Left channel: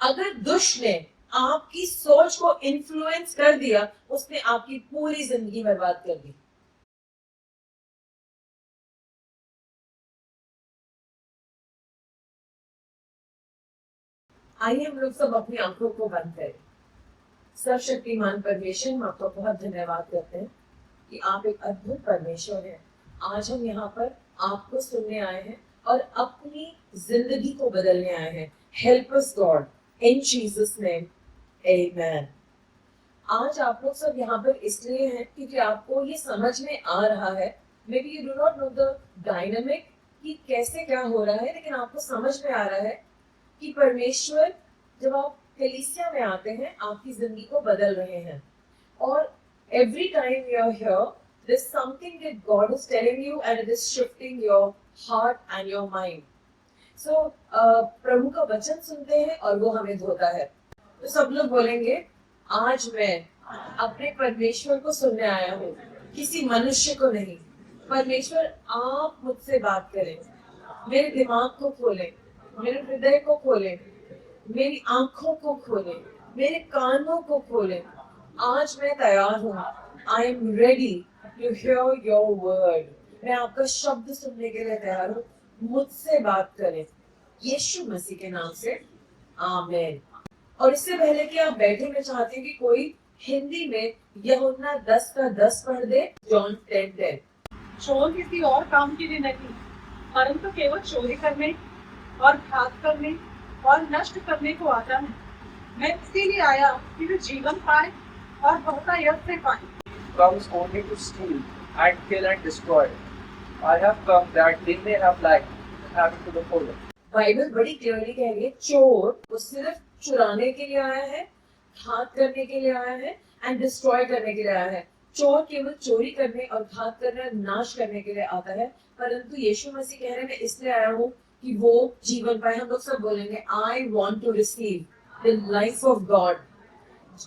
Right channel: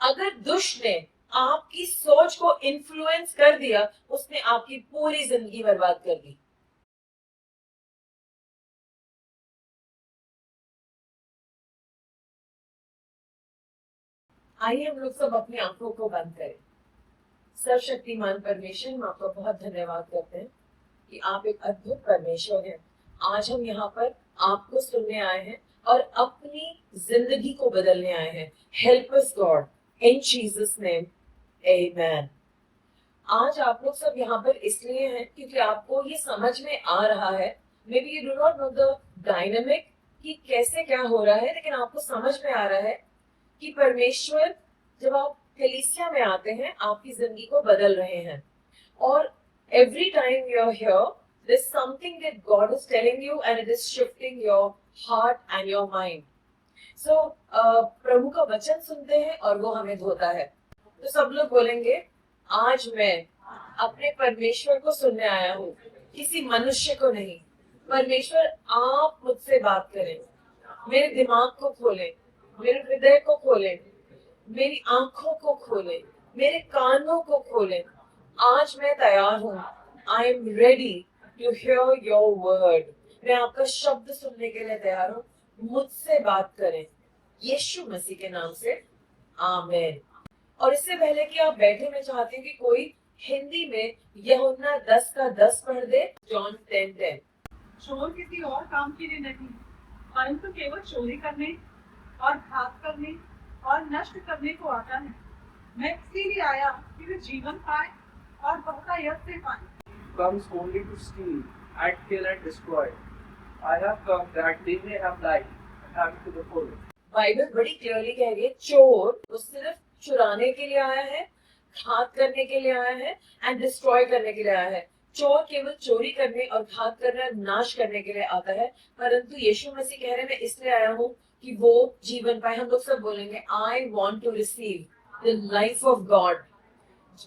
अगर दुष्ट ने आपकी सोच को इन्फ्लुएंस कर दिया, उसने आपकी पूरी जिंदगी बर्बाद कर दी। आइए हम लोग सब अपनी आंखों को बंद करें। सर्वशक्तिमान परमेश्वर, हम आपका बहुत धन्यवाद करते हैं कि आप एक अद्भुत परमेश्वर हैं। आज हम यहाँ पर आपको सुनने आए हैं और अपनी जिंदगी को बदलने आए हैं। Help us God, in Jesus name, amen. आज आप लोग सब यहाँ पर इसलिए हैं क्योंकि आपको ये समझ में आ रहा है, may be you do not know the dynamic कि कैसे क्या हो रहा है, लेकिन आपको समझ में आ रहा है कि परमेश्वर जब आप कलीसिया में आते हैं आपकी जिंदगी को बदल रहे हैं। और every time you're here, there's something that God is telling you and it is shifting your heart and your mind. So प्रभु का वचन सुनते हैं और वो हमें धोता है। तो सब लोग बोलेंगे, आज मैं अपने परमेश्वर को सुनने आया हूँ, किसी मनुष्य को नहीं। परमेश्वर आप मुझसे बात करें, मेरे दिमाग को खोलें, मेरे हृदय को खोलें, मेरी आंखों को खोलें, मेरे कानों को खोलें। आज मैं तैयार हूँ। I am ready to hear your word. मैं आपका शब्द सुनने के लिए तैयार हूँ। मुझसे बात करें, यीशु मसीह के नाम से, आमीन। और इससे पहले कि आप बैठे, मैं चाहती हूँ कि कोई हिंदी में यूहन्ना 10 का 10 पढ़ दे। जॉन 10:10। चोर किसी और काम के लिए नहीं, परंतु केवल चोरी करने और घात करने और नष्ट करने को आता है। मैं इसीलिए आया कि वे जीवन पाए और बहुतायत से पाए। Comes only to steal and kill and destroy. I have come that they may have life and have it to the full. Bible बड़ी क्लियरली कह रही है, चोर वो सिर्फ चुराने के लिए आया है, घात करने के लिए आया है एंड डिस्ट्रॉय करने के लिए आया है। चोर केवल चोरी करने और घात करने, नाश करने के लिए आता है, परंतु यीशु मसीह कह रहे हैं, मैं इसलिए आया हूँ कि वो जीवन पाए। हम लोग सब बोलेंगे, I want to receive the life of God.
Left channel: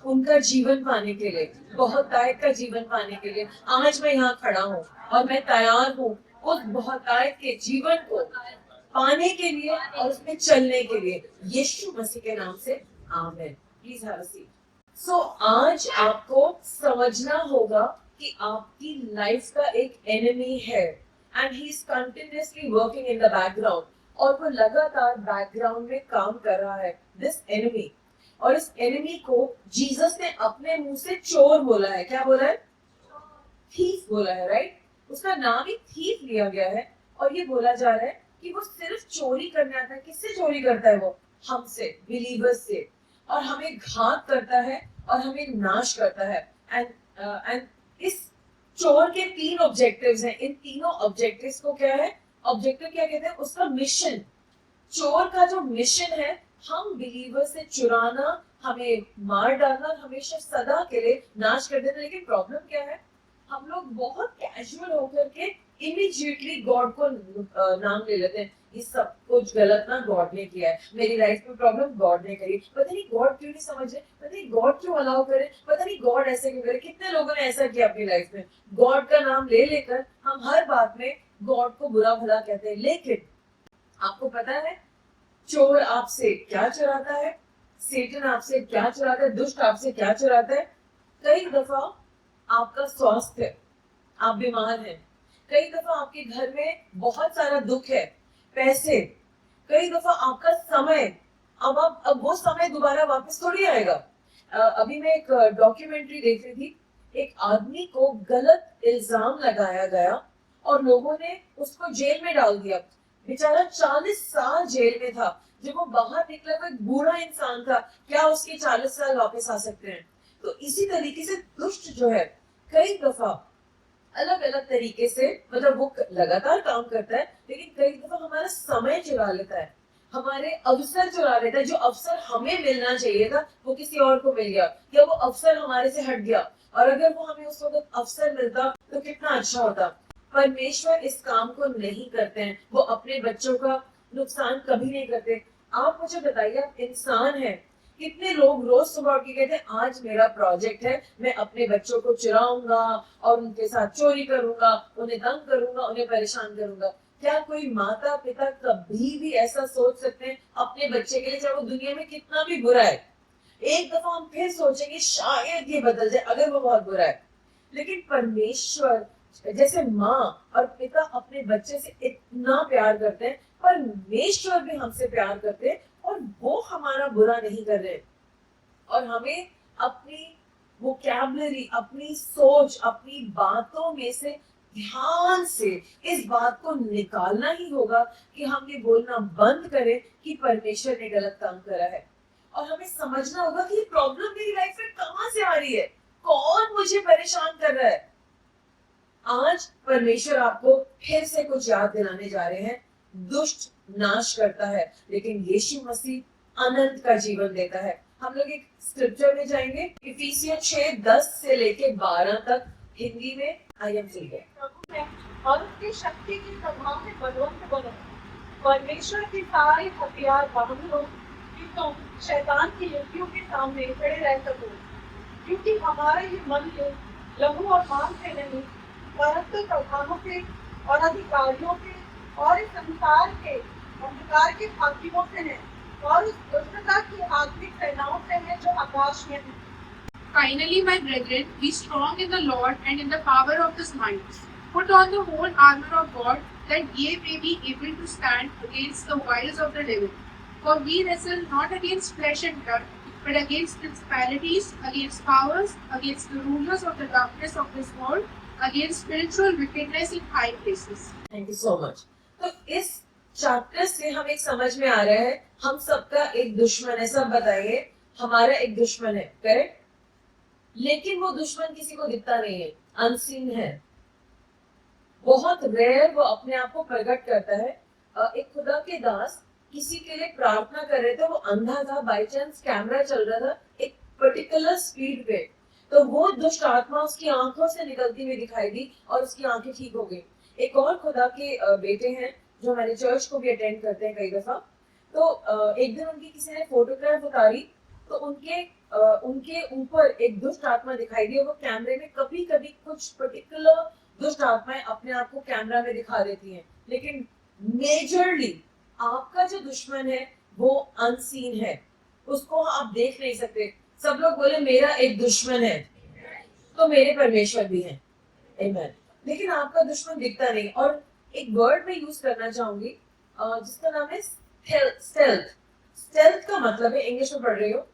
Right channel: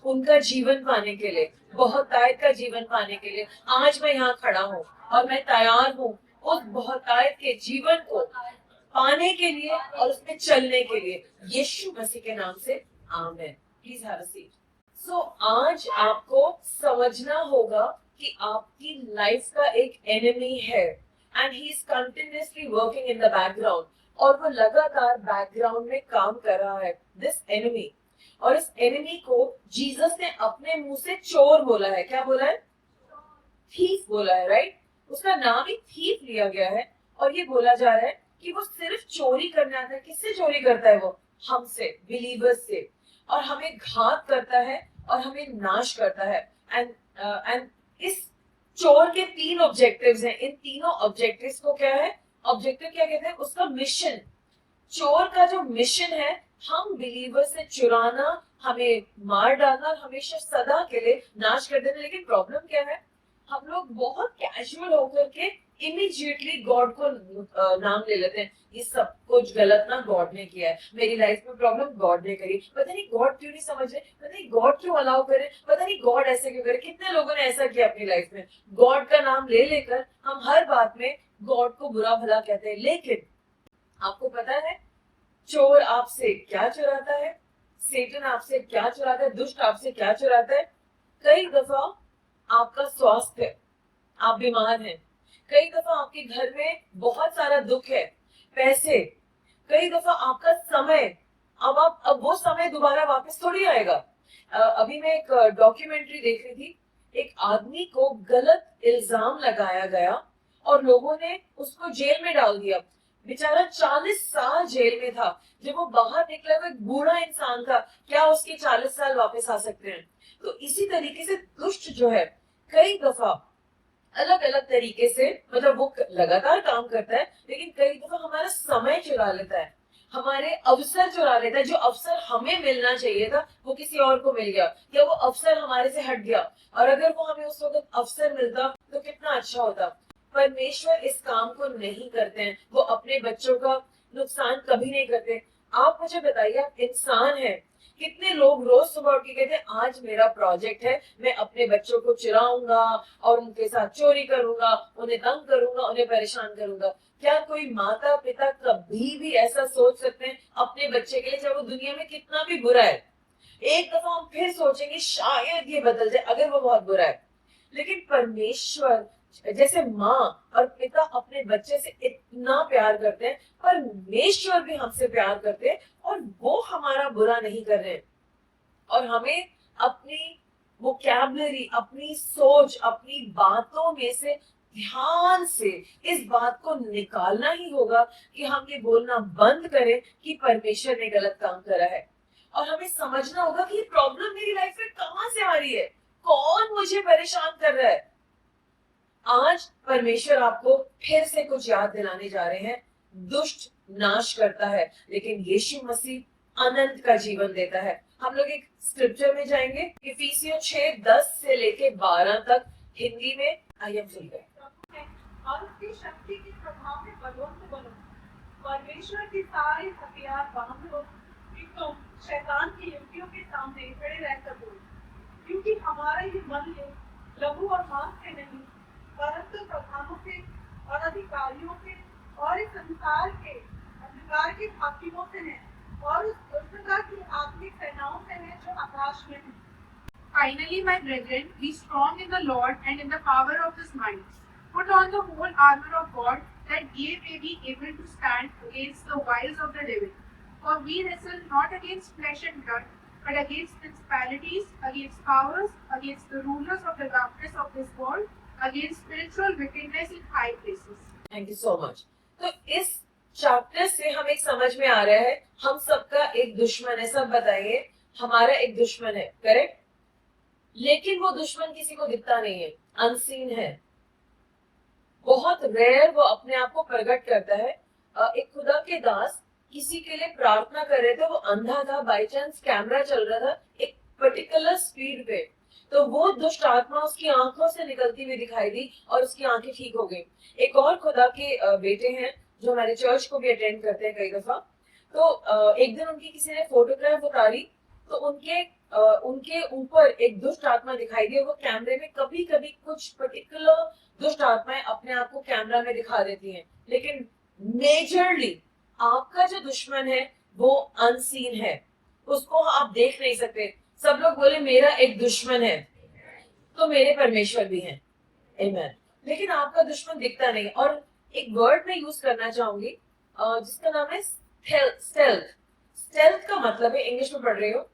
उनका जीवन पाने के लिए, बहुतायत का जीवन पाने के लिए आज मैं यहाँ खड़ा हूँ और मैं तैयार हूँ उस बहुतायत के जीवन को पाने के लिए और उसमें चलने के लिए, यीशु मसीह के नाम से, आमीन। Please have a seat. So आज आपको समझना होगा कि आपकी लाइफ का एक एनिमी है and he is continuously working in the background, और वो लगातार बैकग्राउंड में काम कर रहा है, दिस एनिमी। और इस एनिमी को जीसस ने अपने मुंह से चोर बोला है। क्या बोला है? थीफ बोला है, राइट? उसका नाम ही थीफ लिया गया है और ये बोला जा रहा है कि वो सिर्फ चोरी करने आता है। किससे चोरी करता है वो? हमसे, बिलीवर्स से। और हमें घात करता है और हमें नाश करता है। एंड इस चोर के 3 ऑब्जेक्टिव्स हैं। इन तीनों ऑब्जेक्टिव्स को क्या है? ऑब्जेक्टिव क्या कहते हैं? उसका मिशन। चोर का जो मिशन है, हम बिलीवर से चुराना, हमें मार डालना और हमेशा सदा के लिए नाश कर देना। लेकिन प्रॉब्लम क्या है? हम लोग बहुत कैजुअल होकर के इमीडिएटली गॉड को नाम ले लेते हैं। ये सब कुछ गलत ना गॉड ने किया है, मेरी लाइफ में प्रॉब्लम गॉड ने करी, पता नहीं गॉड क्यों नहीं समझ रहे, पता नहीं गॉड क्यों अलाउ करे, पता नहीं गॉड ऐसे क्यों करे। कितने लोगों ने ऐसा किया अपनी लाइफ में, गॉड का नाम ले लेकर हम हर बात में गॉड को बुरा भला कहते हैं। लेकिन आपको पता है चोर आपसे क्या चुराता है? सेटन आपसे क्या चुराता है? दुष्ट आपसे क्या चुराता है? कई दफा आपका स्वास्थ्य, आप बीमार हैं। कई दफा आपके घर में बहुत सारा दुख है, पैसे। कई दफा आपका समय। अब वो समय दोबारा वापस थोड़ी आएगा। अभी मैं एक डॉक्यूमेंट्री देख रही थी। एक आदमी को गलत इल्जाम लगाया गया और लोगों ने उसको जेल में डाल दिया। बेचारा 40 साल जेल में था। जब वो बाहर निकला, वो एक बूढ़ा इंसान था। क्या उसके 40 साल वापस आ सकते हैं? तो इसी तरीके से दुष्ट जो है, कई दफा अलग अलग तरीके से, मतलब वो लगातार काम करता है, लेकिन कई दफा हमारा समय चुरा लेता है, हमारे अवसर चुरा लेता है। जो अवसर हमें मिलना चाहिए था वो किसी और को मिल गया, या वो अवसर हमारे से हट गया। और अगर वो हमें उस वक्त अवसर मिलता तो कितना अच्छा होता। परमेश्वर इस काम को नहीं करते हैं, वो अपने बच्चों का नुकसान कभी नहीं करते। आप मुझे बताइए, आप इंसान हैं, कितने लोग रोज सुबह उठ के कहते हैं आज मेरा प्रोजेक्ट है, मैं अपने बच्चों को चुराऊंगा और उनके साथ चोरी करूंगा, उन्हें तंग करूंगा, उन्हें परेशान करूंगा। क्या कोई माता पिता कभी भी ऐसा सोच सकते हैं अपने बच्चे के लिए, चाहे वो दुनिया में कितना भी बुरा है, एक दफा हम फिर सोचेंगे शायद ये बदल जाए अगर वो बहुत बुरा है। लेकिन परमेश्वर जैसे माँ और पिता अपने बच्चे से इतना प्यार करते हैं, परमेश्वर भी हमसे प्यार करते हैं और वो हमारा बुरा नहीं कर रहे हैं। और हमें अपनी वोकैबुलरी, अपनी सोच, अपनी बातों में से ध्यान से इस बात को निकालना ही होगा कि हम ये बोलना बंद करें कि परमेश्वर ने गलत काम करा है। और हमें समझना होगा कि ये प्रॉब्लम मेरी लाइफ में कहां से आ रही है, कौन मुझे परेशान कर रहा है। आज परमेश्वर आपको फिर से कुछ याद दिलाने जा रहे हैं। दुष्ट नाश करता है लेकिन यीशु मसीह अनंत का जीवन देता है। हम लोग एक स्क्रिप्चर में जाएंगे, इफिसियों 6:10 से लेके 12 तक, हिंदी में। आई एम सुन गए। प्रभु में और उसकी शक्ति के प्रभाव में बलवंत बनो। परमेश्वर की सारी हथियार बांध लो कि तुम शैतान की युक्तियों के सामने खड़े रह सको। क्योंकि हमारा ये मन लहू और मांस से नहीं, परंतु प्रधानों से और अधिकारियों से और इस संसार के अंधकार के हाकिमों से है और उस दुष्टता की आत्मिक सेनाओं से है जो आकाश में है। Finally, my brethren, be strong in the Lord and in the power of his might. Put on the whole armor of God, that ye may be able to stand against the wiles of the devil. For we wrestle not against flesh and blood, but against principalities, against powers, against the rulers of the darkness of this world, against spiritual wickedness in high places. Thank you so much. तो इस chapter से हम एक समझ में आ रहा है, हम सबका एक दुश्मन है। सब बताइए, हमारा एक दुश्मन है, करेक्ट? लेकिन वो दुश्मन किसी को दिखता नहीं है, अनसीन है। बहुत रेयर वो अपने आप को प्रकट करता है। एक खुदा के दास किसी के लिए प्रार्थना कर रहे थे, वो अंधा था, बाई चांस कैमरा चल रहा था एक पर्टिकुलर स्पीड पे, तो वो दुष्ट आत्मा उसकी आंखों से निकलती हुई दिखाई दी और उसकी आंखें ठीक हो गई। एक और खुदा के बेटे हैं जो हमारे चर्च को भी अटेंड करते हैं कई दफा, तो एक दिन उनकी किसी ने फोटोग्राफ उतारी, तो उनके ऊपर एक दुष्ट आत्मा दिखाई दी। वो कैमरे में कभी कभी कुछ पर्टिकुलर दुष्ट आत्माएं अपने आप को कैमरा में दिखा देती हैं, लेकिन मेजरली आपका जो दुश्मन है वो अनसीन है, उसको आप देख नहीं सकते। सब लोग बोले मेरा एक दुश्मन है, तो मेरे परमेश्वर भी हैं, आमेन। लेकिन आपका दुश्मन दिखता नहीं। और एक वर्ड में यूज करना चाहूंगी जिसका नाम है स्टेल्थ। स्टेल्थ का मतलब है, इंग्लिश में पढ़ रही हूँ,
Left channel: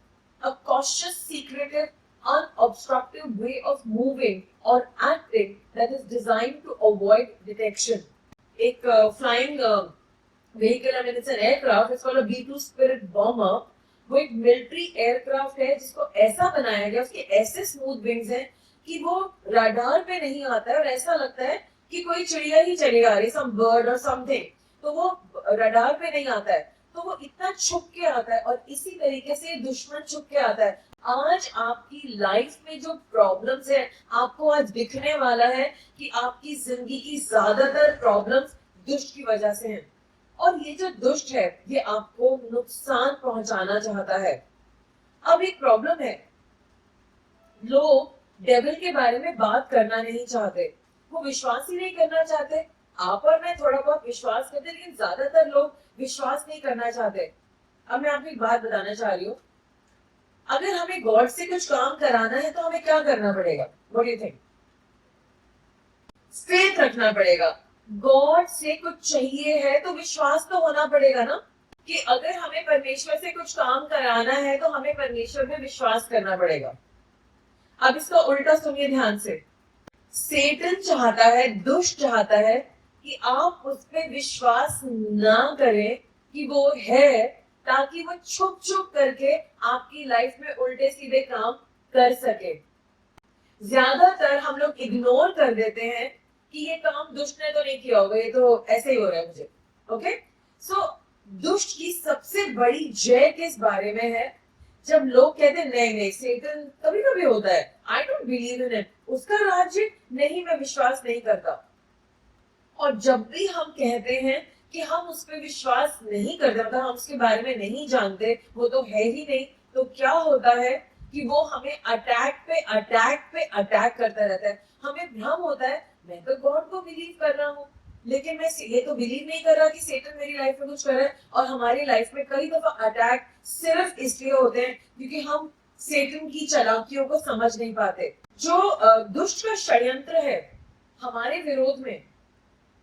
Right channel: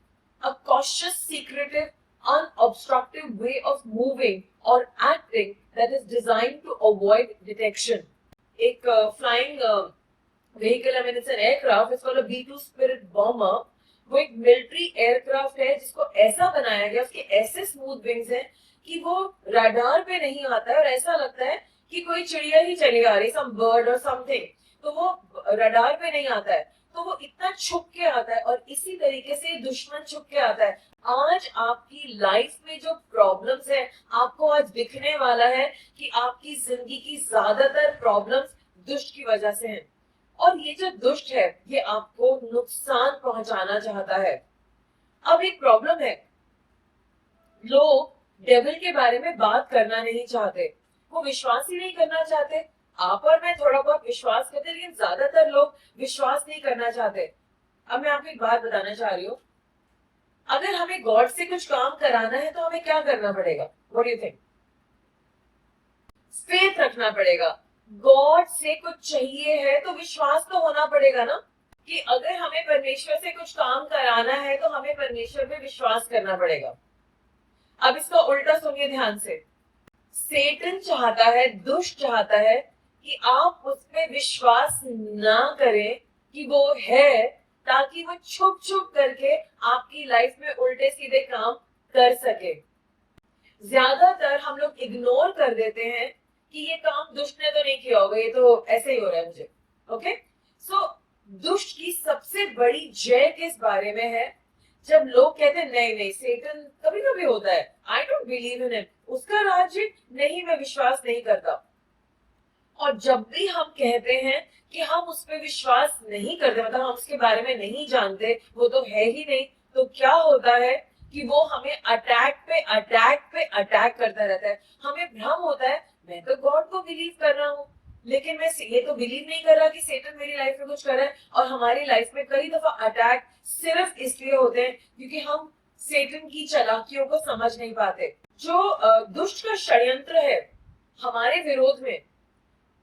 a cautious, secretive, unobstructive way of moving or acting that is designed to avoid detection. एक flying vehicle, I mean it's an aircraft, it's called a B-2 Spirit bomber. वो एक मिलिट्री एयरक्राफ्ट है जिसको ऐसा बनाया गया, उसके ऐसे स्मूथ विंग्स हैं कि वो रडार पे नहीं आता है और ऐसा लगता है कि कोई चिड़िया ही चली आ रही, सम बर्ड और समथिंग, तो वो रडार पे नहीं आता है, तो वो इतना छुप के आता है। और इसी तरीके से दुश्मन छुप के आता है। आज आपकी लाइफ में जो प्रॉब्लम्स है, आपको आज दिखने वाला है कि आपकी जिंदगी की ज्यादातर प्रॉब्लम्स दुष्ट की वजह से हैं। और ये जो दुष्ट है ये आपको नुकसान पहुंचाना चाहता है। अब एक प्रॉब्लम है, लोग डेविल के बारे में बात करना नहीं चाहते, वो विश्वास ही नहीं करना चाहते। आप और मैं थोड़ा बहुत विश्वास करते, लेकिन ज्यादातर लोग विश्वास नहीं करना चाहते। अब मैं आपको एक बात बताना चाह रही हूँ, अगर हमें गॉड से कुछ काम कराना है तो हमें क्या करना पड़ेगा? What do you think? Faith रखना पड़ेगा। गॉड से कुछ चाहिए है तो विश्वास तो होना पड़ेगा ना, कि अगर हमें परमेश्वर से कुछ काम कराना है तो हमें परमेश्वर में विश्वास करना पड़ेगा। अब इसका उल्टा सुनिए ध्यान से। सेटन चाहता है, दुष्ट चाहता है कि आप उस पर विश्वास ना करें कि वो है, ताकि वो छुप छुप करके आपकी लाइफ में उल्टे सीधे काम कर सके। ज्यादातर हम लोग इग्नोर कर देते हैं कि ये काम दुष्ट ने तो नहीं किया होगा, ये तो ऐसे ही हो रहा है मुझे। ओके, सो दुष्ट की सबसे बड़ी जय किस बारे में है? जब लोग कहते हैं नहीं नहीं सेटन कभी कभी होता है, I don't believe in it, उसका राज्य नहीं, मैं विश्वास नहीं करता। और जब भी हम कहते हैं कि हम उस पर विश्वास नहीं करते, मतलब हम उसके बारे में नहीं जानते, वो तो है ही नहीं, तो क्या होता है कि वो हमें अटैक पे अटैक पे अटैक करता रहता है। हमें भ्रम होता है मैं तो गॉड को बिलीव कर रहा हूँ, लेकिन मैं ये तो बिलीव नहीं कर रहा कि सेटन मेरी लाइफ में कुछ कर रहा है। और हमारी लाइफ में कई दफा अटैक सिर्फ इसलिए होते हैं क्योंकि हम सेटन की चालाकियों को समझ नहीं पाते। जो दुष्ट का षड्यंत्र है हमारे विरोध में,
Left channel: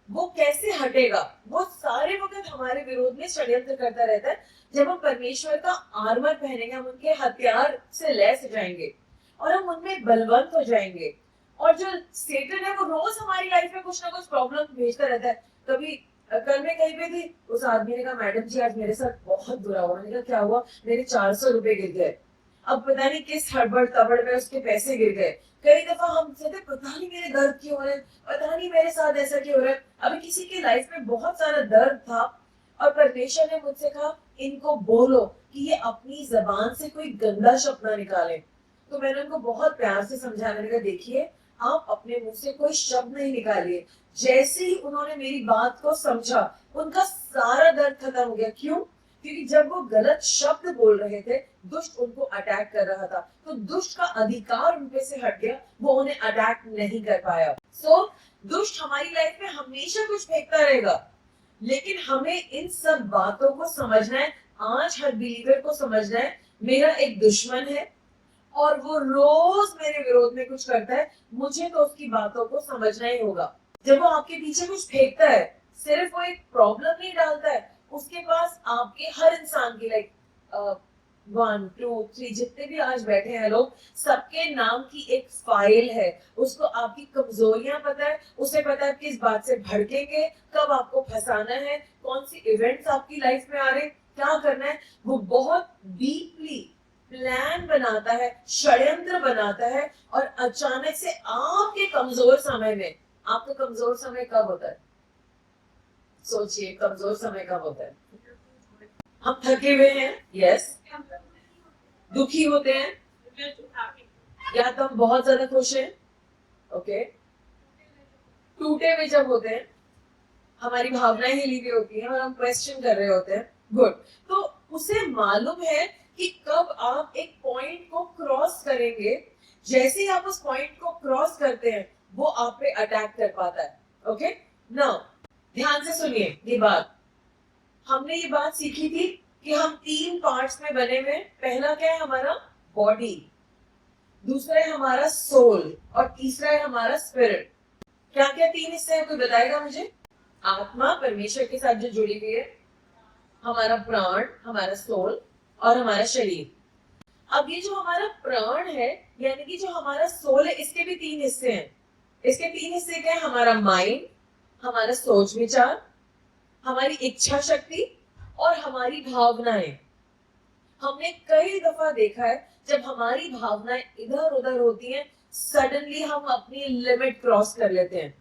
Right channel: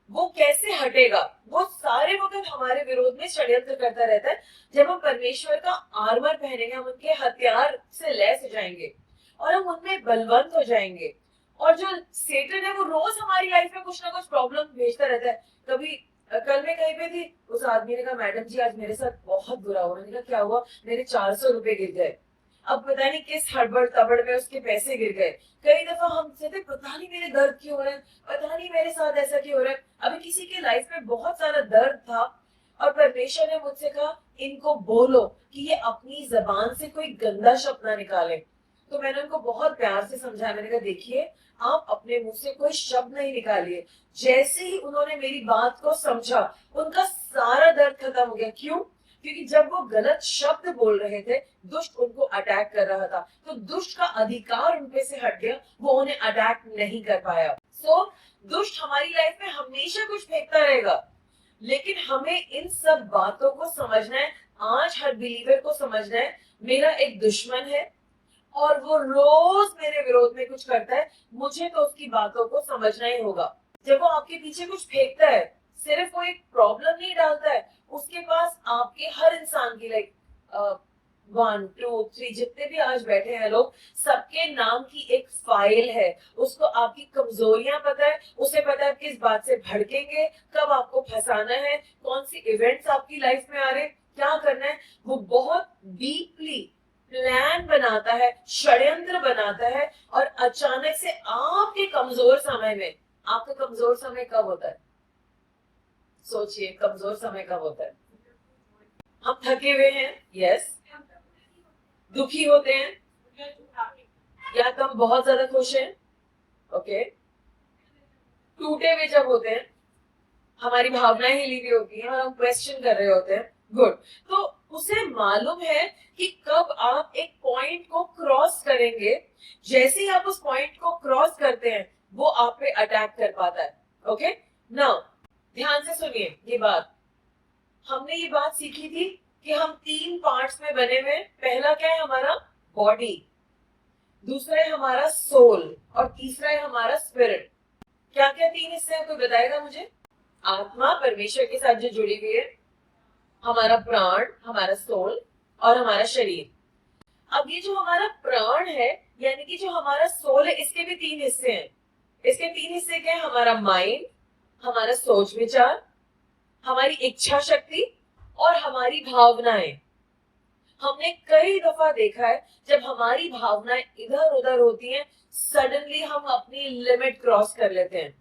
वो कैसे हटेगा? वो सारे वक्त हमारे विरोध में षड्यंत्र करता रहता है। जब हम परमेश्वर का आर्मर पहनेंगे, हम उनके हथियार से लैस हो जाएंगे और हम उनमें बलवंत हो जाएंगे। और जो सेटन है वो रोज हमारी लाइफ में कुछ ना कुछ प्रॉब्लम भेजता रहता है। कभी कल मैं कहीं पे थी, उस आदमी ने कहा मैडम जी आज मेरे साथ बहुत बुरा हुआ। मैंने कहा क्या हुआ? मेरे 400 रुपए गिर गए। अब पता नहीं किस हड़बड़ तबड़ में उसके पैसे गिर गए। कई दफा हम कहते पता नहीं मेरे दर्द क्यों हो रहे हैं, पता नहीं मेरे साथ ऐसा क्यों हो रहा है। अभी किसी के लाइफ में बहुत सारा दर्द था और परमेश्वर ने मुझसे कहा इनको बोलो कि ये अपनी जबान से कोई गंदा शब्द ना निकालें। तो मैंने उनको बहुत प्यार से समझाया। मैंने कहा देखिए आप अपने मुंह से कोई शब्द नहीं निकालिए। जैसे ही उन्होंने मेरी बात को समझा, उनका सारा दर्द खत्म हो गया। क्यों? क्योंकि जब वो गलत शब्द बोल रहे थे, दुष्ट उनको अटैक कर रहा था, तो दुष्ट का अधिकार उन पे से हट गया, वो उन्हें अटैक नहीं कर पाया। सो दुष्ट हमारी लाइफ में हमेशा कुछ फेंकता रहेगा, लेकिन हमें इन सब बातों को समझना है। आज हर बिलीवर को समझना है मेरा एक दुश्मन है और वो रोज मेरे विरोध में कुछ करता है, मुझे तो उसकी बातों को समझना ही होगा। जब वो आपके पीछे कुछ फेंकता है, सिर्फ वो एक प्रॉब्लम नहीं डालता है, उसके पास आपके हर इंसान की लाइक 1 2 3 जितने भी आज बैठे हैं लोग, सबके नाम की एक फाइल है। उसको आपकी कमजोरियां पता है, उसे पता है किस बात से भड़केंगे, कब आपको फंसाना है, कौन सी इवेंट्स आपकी लाइफ में आ रहे, क्या करना है। वो बहुत डीपली प्लान बनाता है, षड्यंत्र बनाता है और अचानक से आपके कमजोर समय में, आपका कमजोर समय कब होता है? सोचिए कमजोर समय कब होता है? हम थके हुए हैं, यस, दुखी होते हैं, या तो हम बहुत ज्यादा खुश हैं, ओके, टूटे हुए जब होते हैं, हमारी भावनाएं हिली हुई होती हैं और हम क्वेश्चन कर रहे होते हैं, गुड। तो उसे मालूम है कि कब आप एक पॉइंट को क्रॉस करेंगे। जैसे ही आप उस पॉइंट को क्रॉस करते हैं, वो आप पे अटैक कर पाता है। ओके, नाउ ध्यान से सुनिए ये बात। हमने ये बात सीखी थी कि हम 3 पार्ट्स में बने हुए। पहला क्या है? हमारा बॉडी, दूसरा है हमारा सोल और तीसरा है हमारा स्पिरिट। क्या क्या 3 हिस्से हैं? कोई बताएगा मुझे? आत्मा परमेश्वर के साथ जो जुड़ी हुई है, हमारा प्राण, हमारा सोल और हमारा शरीर। अब ये जो हमारा प्राण है यानी कि जो हमारा सोल है, इसके भी 3 हिस्से हैं। इसके 3 हिस्से क्या है? हमारा माइंड, हमारा सोच विचार, हमारी इच्छा शक्ति और हमारी भावनाएं। हमने कई दफा देखा है जब हमारी भावनाएं इधर उधर होती हैं, सडनली हम अपनी लिमिट क्रॉस कर लेते हैं।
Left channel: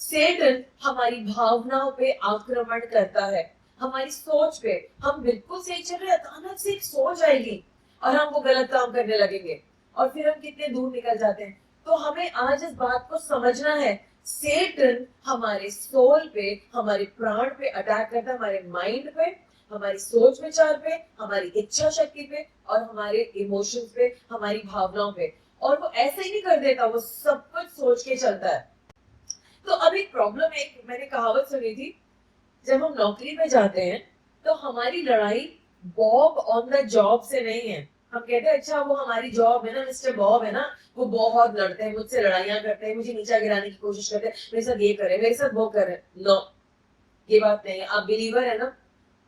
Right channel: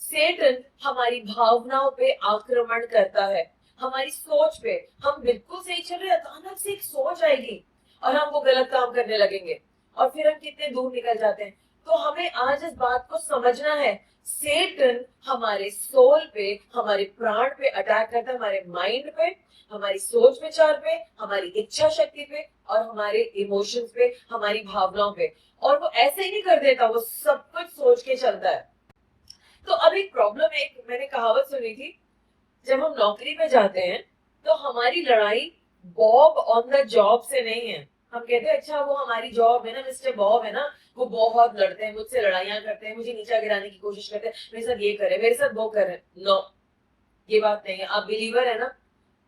सेटन हमारी भावनाओं पे आक्रमण करता है, हमारी सोच पे। हम बिल्कुल सही चल रहे, अचानक से एक सोच आएगी और हम वो गलत काम करने लगेंगे और फिर हम कितने दूर निकल जाते हैं। तो हमें आज इस बात को समझना है, सेटन हमारे सोल पे, हमारे प्राण पे अटैक करता है, हमारे माइंड पे, हमारी सोच विचार पे, हमारी इच्छा शक्ति पे और हमारे इमोशंस पे, हमारी भावनाओं पे। और वो ऐसे ही नहीं कर देता, वो सब कुछ सोच के चलता है। तो अब एक प्रॉब्लम है, मैंने कहावत सुनी थी, जब हम नौकरी में जाते हैं तो हमारी लड़ाई बॉब ऑन द जॉब से नहीं है। हम कहते हैं अच्छा वो हमारी जॉब है ना, मिस्टर बॉब है ना, वो बहुत लड़ते हैं मुझसे, लड़ाइयां करते हैं, मुझे नीचा गिराने की कोशिश करते हैं, मेरे साथ ये करे, मेरे साथ वो करे। नो, ये बात नहीं है। आप बिलीवर है ना,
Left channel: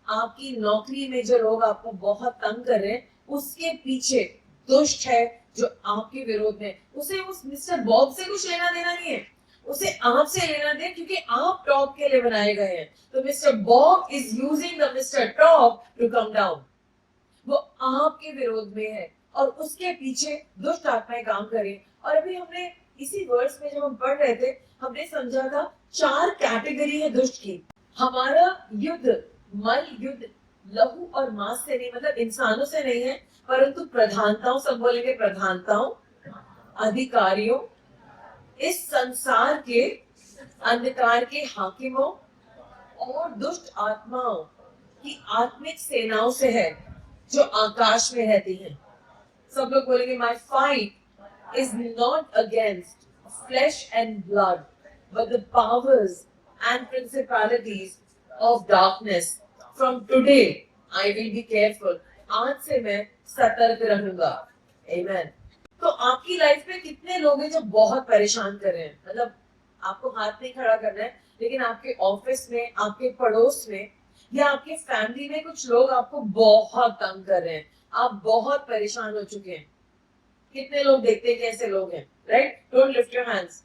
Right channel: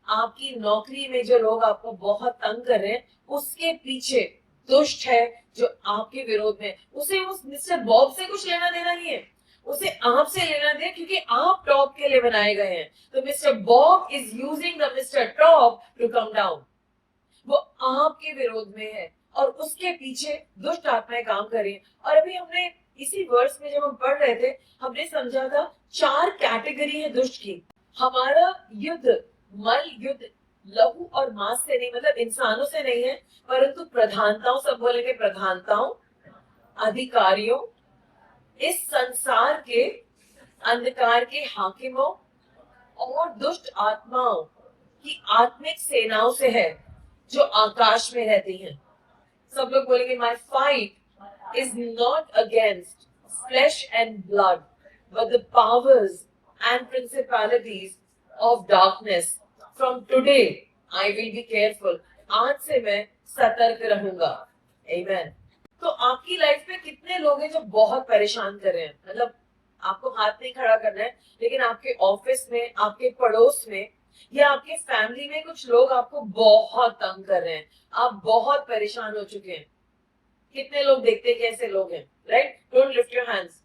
आपकी नौकरी में जो लोग आपको बहुत तंग कर रहे हैं, उसके पीछे दुष्ट है जो आपके विरोध में। उसे उस मिस्टर बॉब से कुछ लेना देना नहीं है, उसे आपसे लेना दे, क्योंकि आप टॉप के लिए बनाए गए हैं। तो Mr Bob is using the Mr top to come down. वो आपके विरोध में है और उसके पीछे दुष्ट आत्माएं काम कर रही हैं। और अभी हमने इसी वर्स में जब हम पढ़ रहे थे, हमने समझा था 4 कैटेगरी है दुष्ट की। हमारा युद्ध मल युद्ध लहू और मांस से नहीं, मतलब इंसानों से नहीं है, परंतु प्रधानताओं, सब बोलेंगे प्रधानताओं, अधिकारियों, इस संसार के अंधकार के हाकिमों और दुष्ट आत्माओं की आत्मिक सेनाओं से है जो आकाश में रहती हैं। सब लोग बोलेंगे my fight is not against flesh and blood but the powers and principalities of darkness. From today, I will be careful. आज से मैं सतर्क रहूंगा. Amen. तो आपकी लाइफ में कितने लोग हैं जो बहुत परेशान कर रहे हैं? मतलब आपको हाथ नहीं खड़ा करना है, लेकिन आपके ऑफिस में, आपके पड़ोस में या आपके फैमिली में कुछ लोग आपको बहुत तंग कर रहे हैं. आप बहुत परेशान हो चुके हैं. कितने लोग देखते हैं कैसे लोग हैं, right? Don't lift your hands.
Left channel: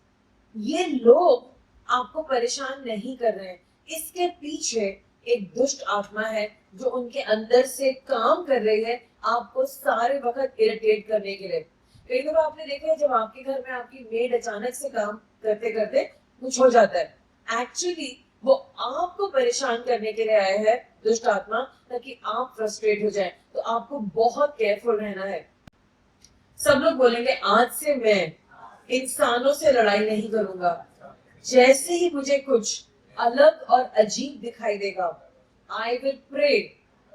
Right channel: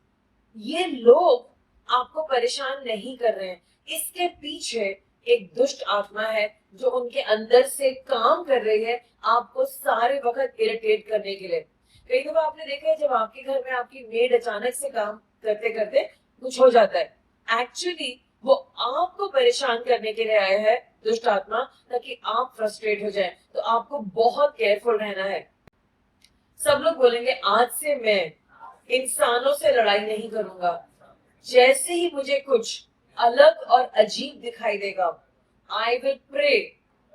ये लोग आपको परेशान नहीं कर रहे हैं. इसके पीछे एक दुष्ट आत्मा है जो उनके अंदर से काम कर रही है आपको सारे वक्त इरिटेट करने के लिए. कई दफा आपने देखा है जब आपके घर में आपकी मेड अचानक से काम करते करते कुछ हो जाता है, एक्चुअली वो आपको परेशान करने के लिए आया है दुष्ट आत्मा, ताकि आप फ्रस्ट्रेट हो जाएं. तो आपको बहुत केयरफुल रहना है. सब लोग बोलेंगे आज से मैं इंसानों से लड़ाई नहीं करूंगा. जैसे ही मुझे कुछ अलग और अजीब दिखाई देगा, I will pray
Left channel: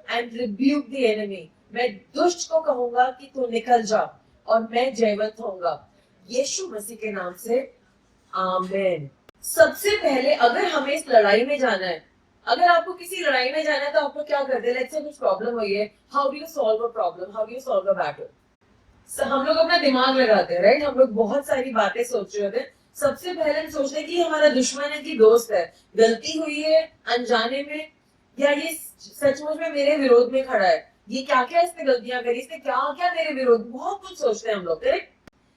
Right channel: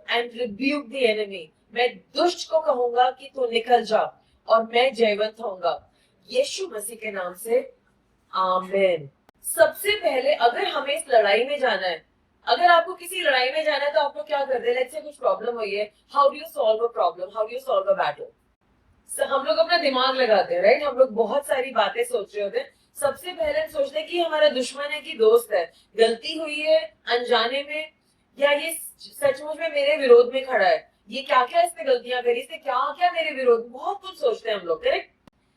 and rebuke the enemy. मैं दुष्ट को कहूंगा कि तू निकल जा और मैं जयवंत होऊंगा. यीशु मसीह के नाम से आमीन. सबसे पहले अगर हमें इस लड़ाई में जाना है, अगर आपको किसी लड़ाई में जाना है तो आपको क्या करते हैं? लेट्स से कुछ प्रॉब्लम हुई है, how do you solve a problem, how do you solve a battle? हम लोग अपना दिमाग लगाते हैं, राइट? हम लोग बहुत सारी बातें सोच रहे होते हैं. सबसे पहले हम सोचते हैं कि ये हमारा दुश्मन है कि दोस्त है, गलती हुई है अनजाने में, या ये सचमुच में मेरे विरोध में खड़ा है, ये क्या क्या इसने गलतियां करी, इसने क्या क्या मेरे विरोध. बहुत कुछ सोचते हैं हम लोग, करेक्ट?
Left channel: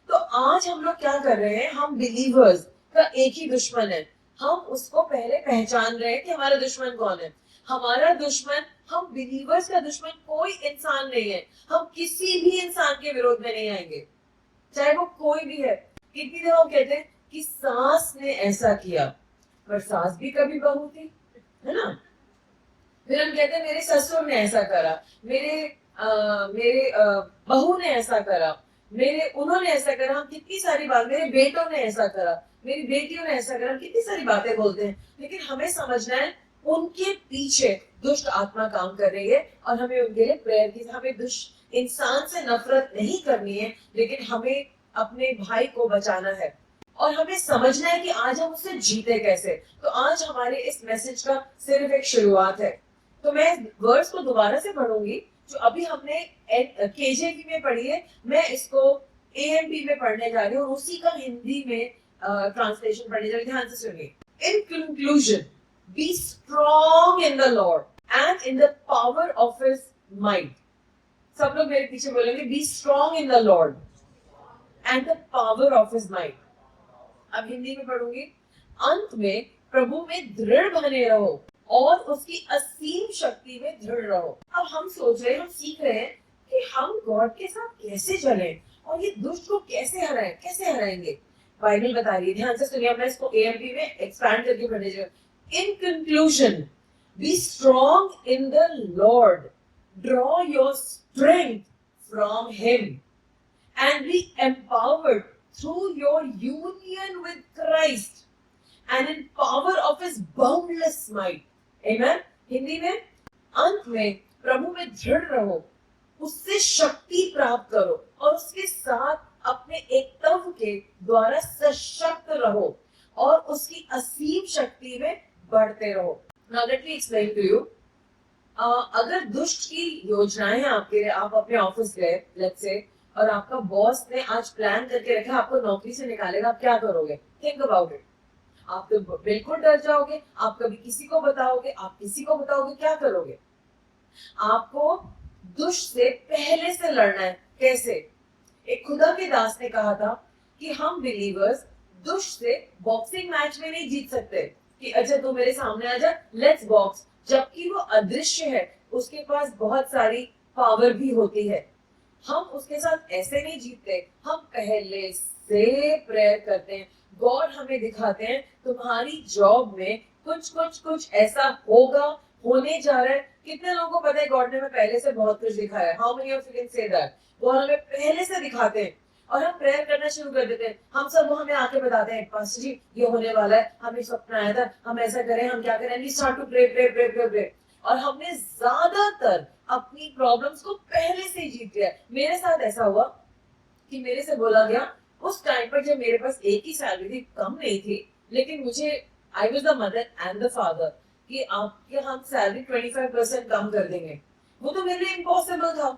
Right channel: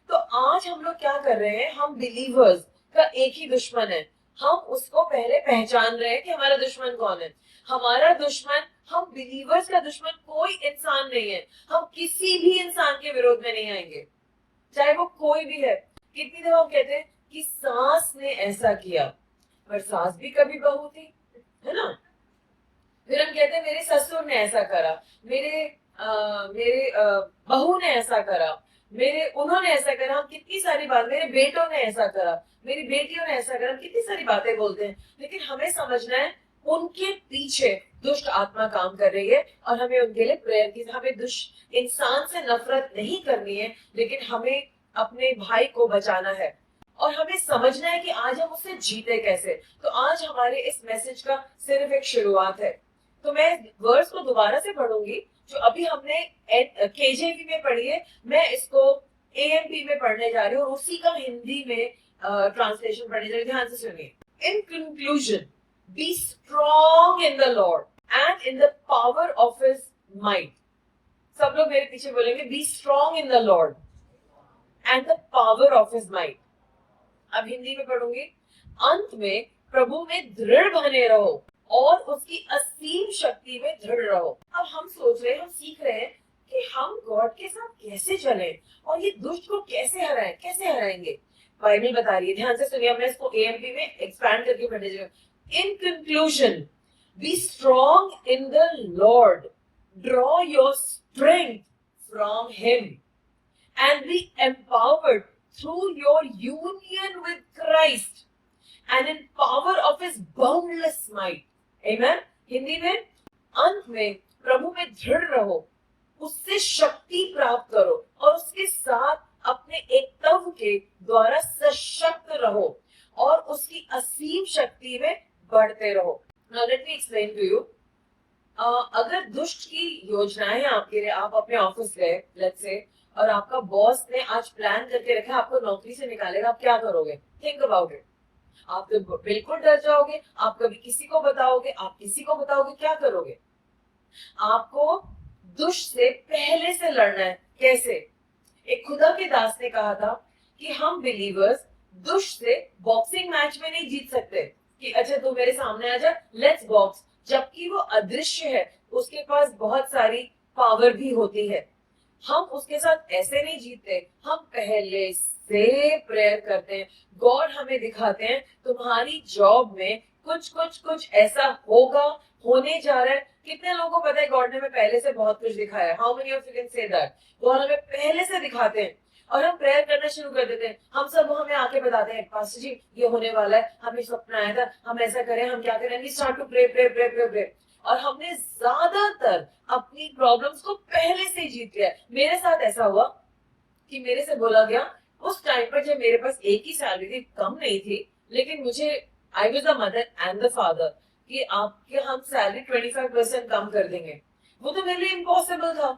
तो आज हम लोग क्या कर रहे हैं? हम बिलीवर्स का एक ही दुश्मन है. हम उसको पहले पहचान रहे हैं कि हमारा दुश्मन कौन है. हमारा दुश्मन, हम बिलीवर्स का दुश्मन कोई इंसान नहीं है. हम किसी भी इंसान के विरोध में नहीं आएंगे, चाहे वो कोई भी है. कितनी दफा हम कहते हैं कि सास ने ऐसा किया, पर सास भी कभी बहू थी, है ना? फिर हम कहते हैं मेरे ससुर ने ऐसा करा, मेरे बहू ने ऐसा करा, उन्होंने ऐसा करा. हम कितनी सारी बात, मेरे बेटों ने ऐसा करा, मेरी बेटियों ने ऐसा करा. हम कितनी सारी बातें बोलते हैं, लेकिन हमें समझना है उनके पीछे दुष्ट आत्मा काम कर रही है और हमें उनके लिए प्रेयर की. हमें दुष्ट इंसान से नफरत नहीं करनी है, लेकिन हमें अपने भाई को बचाना है और हमें समझना है कि आज हम उससे जीते कैसे. तो आज हमारे इस मैसेज का सिर्फ एक शुरुआत है. तो मैं वर्ड्स को दोबारा से पढ़ूंगी जो अभी हमने केजेवी में पढ़ी है. मैं इसको एएमपी में पढ़ने जा रही हूँ और उसी का हिंदी में ट्रांसलेशन पढ़ने जा रही हूँ. ध्यान से सुनिए. In conclusion, be strong in the Lord and in the power of his might. सब लोग मेरे पीछे बोलेंगे be strong in the Lord and the power of his might. अब हिंदी में पढ़ूंगी. अंत में प्रभु में दृढ़ बने रहो और उसकी असीम शक्ति में दृढ़ रहो. अब हम सोच रहे हैं, हम सीख रहे हैं कि हम गॉड के साथ कैसे चलें और ये दुष्ट को कैसे हराएं, कैसे हराएंगे. बाइबल बता रही है, ध्यान से सुनिए. मैं इसको एएमपी में एक्सपैंड करके पढ़ने जा रही हूँ. In conclusion, be strong in the Lord. Draw your strength from Him and be empowered through your union with Christ and in power of His boundless might. Amen. Hindi में, अंत में प्रभु में दृढ़ रहो, उससे शक्ति प्राप्त करो और उसके साथ अपने एकत्व के द्वारा सशक्त रहो और उसकी असीम शक्ति में बढ़ते रहो. Now let me explain to you. अगर दुष्ट की योजनाएं हैं आपके लिए, आप अपने ऑफिस गए लेट्स से और आपका बॉस ने आज प्लान करके रखा आपको नौकरी से निकालेगा, आप क्या करोगे? Think about it. आप तो बिल्कुल डर जाओगे, आप कभी किसी को बताओगे, आप किसी को बताओगे, क्या करोगे? आपको दुष्ट से पहले से लड़ना है. कैसे? एक खुदा के दास ने कहा था कि हम बिलीवर्स दुष्ट से बॉक्सिंग मैच में नहीं जीत सकते कि अच्छा तू मेरे सामने आ जा, लेट्स बॉक्स. जबकि वो अदृश्य है, उसके पास बहुत सारी पावर भी होती है. हम उसके साथ ऐसे नहीं जीतते, हम पहले से प्रेयर करते हैं. गॉड हमें दिखाते हैं तुम्हारी जॉब में कुछ ऐसा होगा, होने जा रहा है. कितने लोगों को पता है गॉड ने हमें पहले से बहुत कुछ दिखाया? How many of you can say that? God हमें पहले से दिखाते हैं और हम प्रेयर करना शुरू कर देते हैं. हम सब वो हमें आके बताते हैं पास्टर जी ये होने वाला है, हमें सपना आया था, हम ऐसा करें, हम क्या करें. We start to pray pray pray pray pray और हमने ज्यादातर अपनी प्रॉब्लम्स को पहले से जीत लिया. मेरे साथ ऐसा हुआ कि मेरे से बोला गया उस टाइम पर जब मेरे पास एक ही सैलरी थी, कम नहीं थी, लेकिन मुझे I was the mother and the father कि आपके हम सैलरी 25% कम कर देंगे, वो तो मेरे लिए इम्पॉसिबल था।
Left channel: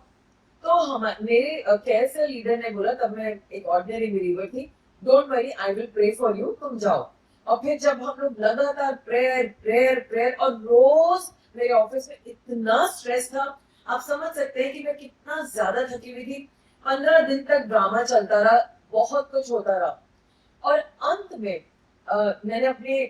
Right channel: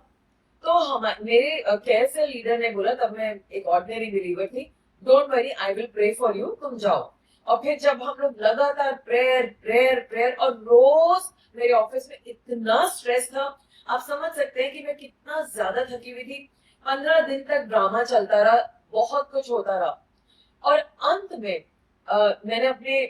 तो हम मेरे केयर से लीडर ने बोला, तब मैं एक ऑर्डिनरी बिलीवर थी, don't worry I will pray for you, तुम जाओ। और फिर जब हम लोग लगातार प्रेयर प्रेयर प्रेयर, और रोज मेरे ऑफिस में इतना स्ट्रेस था, आप समझ सकते हैं कि मैं कितना ज्यादा थकी हुई थी। 15 दिन तक ड्रामा चलता रहा, बहुत कुछ होता रहा। और अंत में मैंने अपने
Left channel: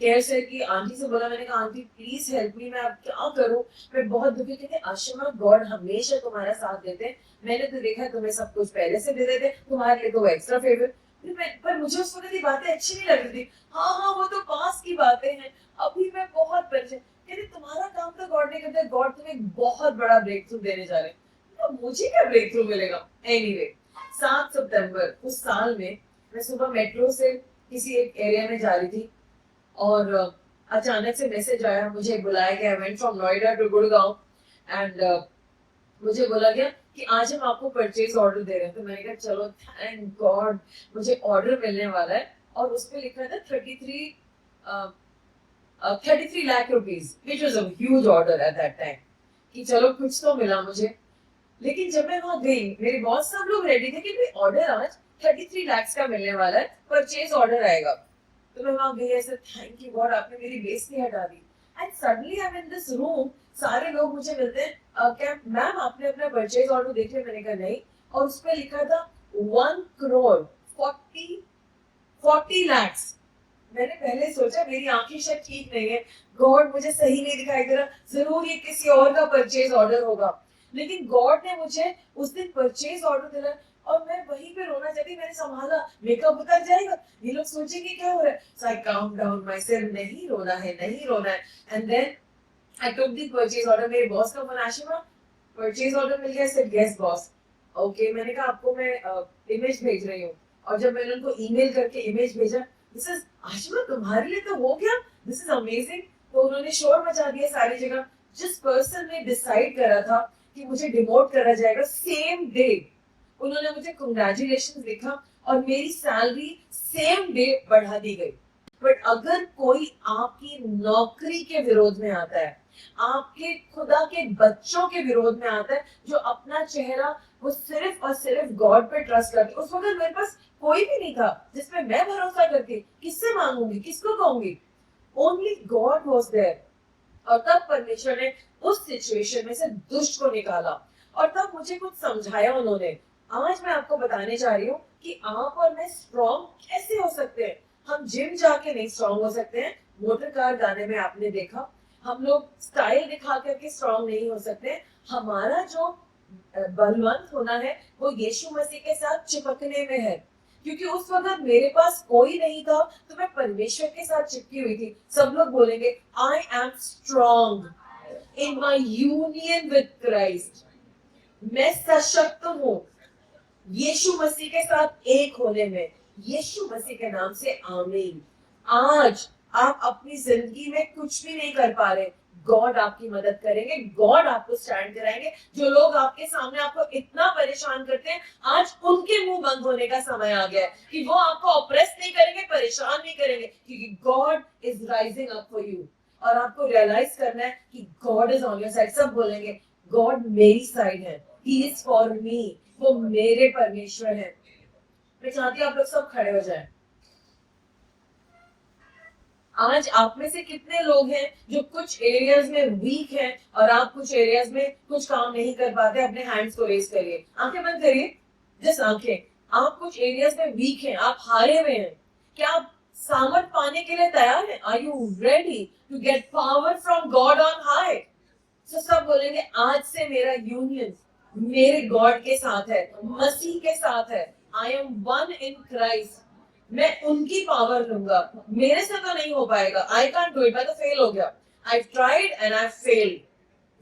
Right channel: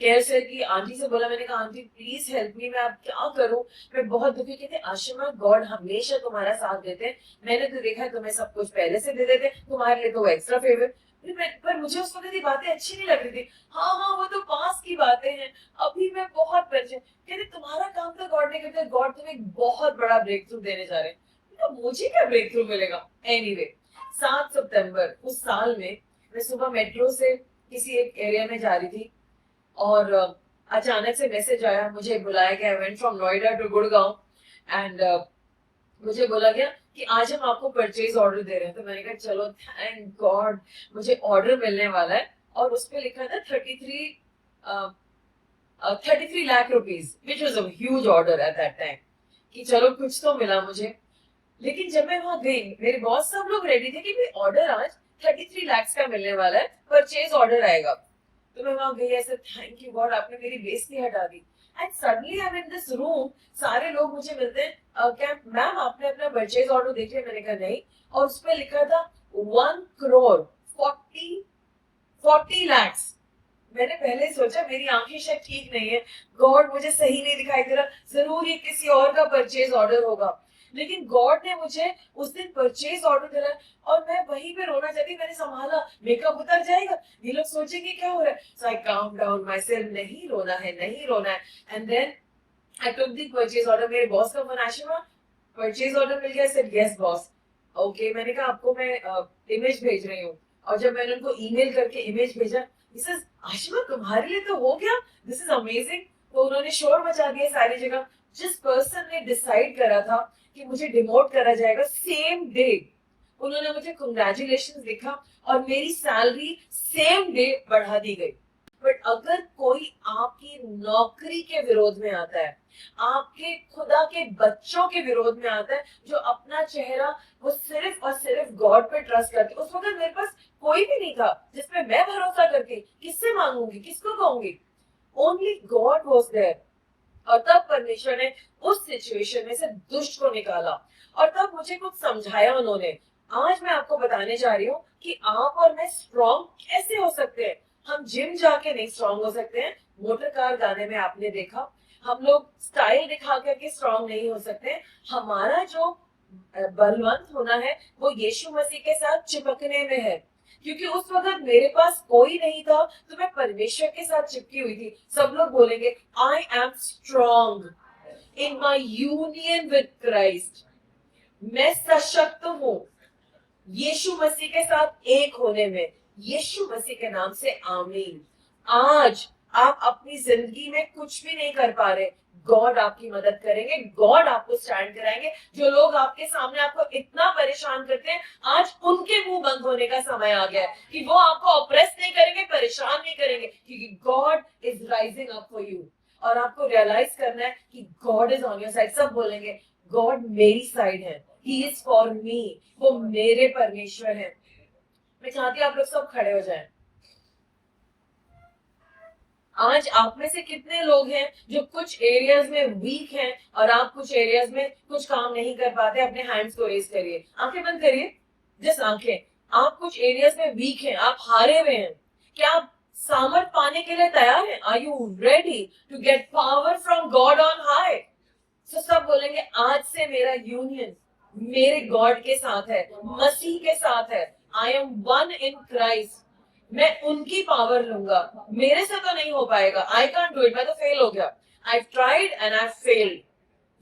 केयर से की आंटी से बोला, मैंने कहा आंटी प्लीज हेल्प मी, मैं अब क्या करूं, मैं बहुत दुखी। कहते आशिमा गॉड हमेशा तुम्हारा साथ देते हैं, मैंने तो देखा है तुम्हें सब कुछ पहले से दे देते, तुम्हारे लिए तो वो एक्स्ट्रा फेवर। पर मुझे उस वक्त ये बातें अच्छी नहीं लग रही थी। हाँ हाँ वो तो पास की बातें हैं, अभी मैं बहुत परेशान। कहते तुम्हारा काम तो गॉड नहीं करता, गॉड तुम्हें एक बहुत बड़ा ब्रेक थ्रू देने जा रहे हैं। तो मुझे क्या ब्रेक थ्रू मिलेगा। एनीवे 7 सितंबर उस साल में मैं सुबह मेट्रो से किसी एक एरिया में जा रही थी, और अचानक से मैसेज आया, मुझे बुलाया गया। I went from Noida to Gurgaon, and मुझे बोला गया कि आज हम आपको परचेज ऑर्डर दे रहे हैं। तो मैंने कहा चलो थैंक गॉड मुझे ऑर्डर मिलने वाला है। और उस पे लिखा था 33 lakh rupees, which was a huge order at that time, कि चलो कुछ तो मिला मुझे। लेकिन जब मैं वहां गई, मेरे बॉस सब लोग रेडी थे कि ऑर्डर आज 33 लाख का मिलने वाला है, परचेज ऑर्डर आएगा। तो मैं वहां गई, ऐसे थैंक यू गॉड आपने मेरी बेइज्जती हटा दी। And suddenly I am in this room, सारे लोग मुझे मिलते हैं, क्या मैम आपने अपना परचेज ऑर्डर देख लिया? मैंने कहा नहीं। और उस पे लिखा था 1 करोड़ 40 लाख। मैंने पहले सोचा मेरी आंखें शायद ठीक नहीं है, गॉड मुझे सही नहीं दिखाई दे रहा, जरूर ये किसी और का परचेज ऑर्डर होगा। लेकिन गॉड ने मुझे उस दिन परचेज ऑर्डर दिलाया, और मैं वहीं पे रोना चाहती। मैंने संभाला, मेकअप उतर जाएगा, ये लोग सोचेंगे क्या हो रहा है। सो आई काम डाउन माई सेल्फ, नहीं रोना है नहीं रोना है। And then I took the purchase order. मेरे बॉस का फोन, आशिमा परचेज ऑर्डर मिल गया? Said yes boss. ओके, मैंने कहा आपको मैं इमेज भेज रही हूँ। और जब मैंने उनको ईमेल करके इमेज भेजा, दिस इज आशिमा तुम्हारे लिए तो हो गया, दिस इज अमेजिंग। तो उन्होंने शोर मचा दिया सारी जगह। जिस पर्सन ने डिसाइड करा था कि मुझे डिमोट करा जाएगा, सेम डे उन्होंने मुझे कंग्रेचुलेशन लिखा, और मेरी सैलरी सेम डे बढ़ा दी गई। बट अगर कोई आपकी नौकरी के विरोध में आता है, आपके खुदा के बच्चों के विरोध में आता है, जो अपना चेहरा वो सिर्फ और सिर्फ गॉड पे ट्रस्ट करते, उस वक्त मेरे पास कोई भी नहीं था जिसपे मैं भरोसा करती, किससे मांगूंगी, किसको कहूंगी? Only God was there. और तब परमेश्वर ने उस सिचुएशन में से दुष्ट को निकाला, और तब मुझे कुछ समझाया उन्होंने। आज मैं आपको बताने जा रही हूँ कि आप और मैं स्ट्रॉन्ग कैसे हो सकते हैं। हम जिम जाके नहीं स्ट्रॉन्ग हो सकते हैं। मोटर कार गाने में आपने देखा, हम लोग स्टाइल दिखा करके स्ट्रॉन्ग नहीं हो सकते। हमारा जो बलवंत होना है वो यीशु मसीह के साथ चिपकने में है। क्योंकि उस वक्त मेरे पास कोई नहीं था, तो मैं परमेश्वर के साथ चिपकी हुई थी। सब लोग बोलेंगे I am strong in my union with Christ. मैं सशक्त हूँ यीशु मसीह के साथ एक होने में। यीशु मसीह के नाम से आमीन। आज आप अपनी जिंदगी में कुछ भी नहीं कर पा रहे, गॉड आपकी मदद करेंगे, गॉड आपको स्टैंड कराएंगे। जो लोग आपके सामने आपको इतना परेशान करते हैं, आज उनके मुंह बंद होने का समय आ गया है कि वो आपको ऑप्रेस नहीं करेंगे, परेशान नहीं करेंगे, क्योंकि God is rising up for you. और आपको रियलाइज करना है कि God is on your side. सब बोलेंगे गॉड मेरी साइड है, ही इज फॉर मी, वो मेरे परमेश्वर है। मैं चाहती हूँ आप लोग सब खड़े हो जाएं। आज आप में से कितने लोग हैं जो कुछ एरियाज में वीक हैं, और आप कुछ एरियाज में कुछ काम नहीं कर पाते? अपने हैंड्स को रेज करिए, आंखें बंद करिए, जस्ट आंखें। आप कुछ एरियाज में वीक हैं, आप हारे हुए हैं। क्या आप सामर्थ पाने के लिए तैयार हैं? Are you ready to get power from God on high? तो सब बोलेंगे आज से मेरा यूनियन मेरे गॉड के साथ है, मसीह के साथ है। I am one in Christ. मैं उनकी पावर लूंगा, मेरे से तो नहीं हो पाएगा। आई कांट डू इट, मैं तो फेल हो गया। I tried and I failed.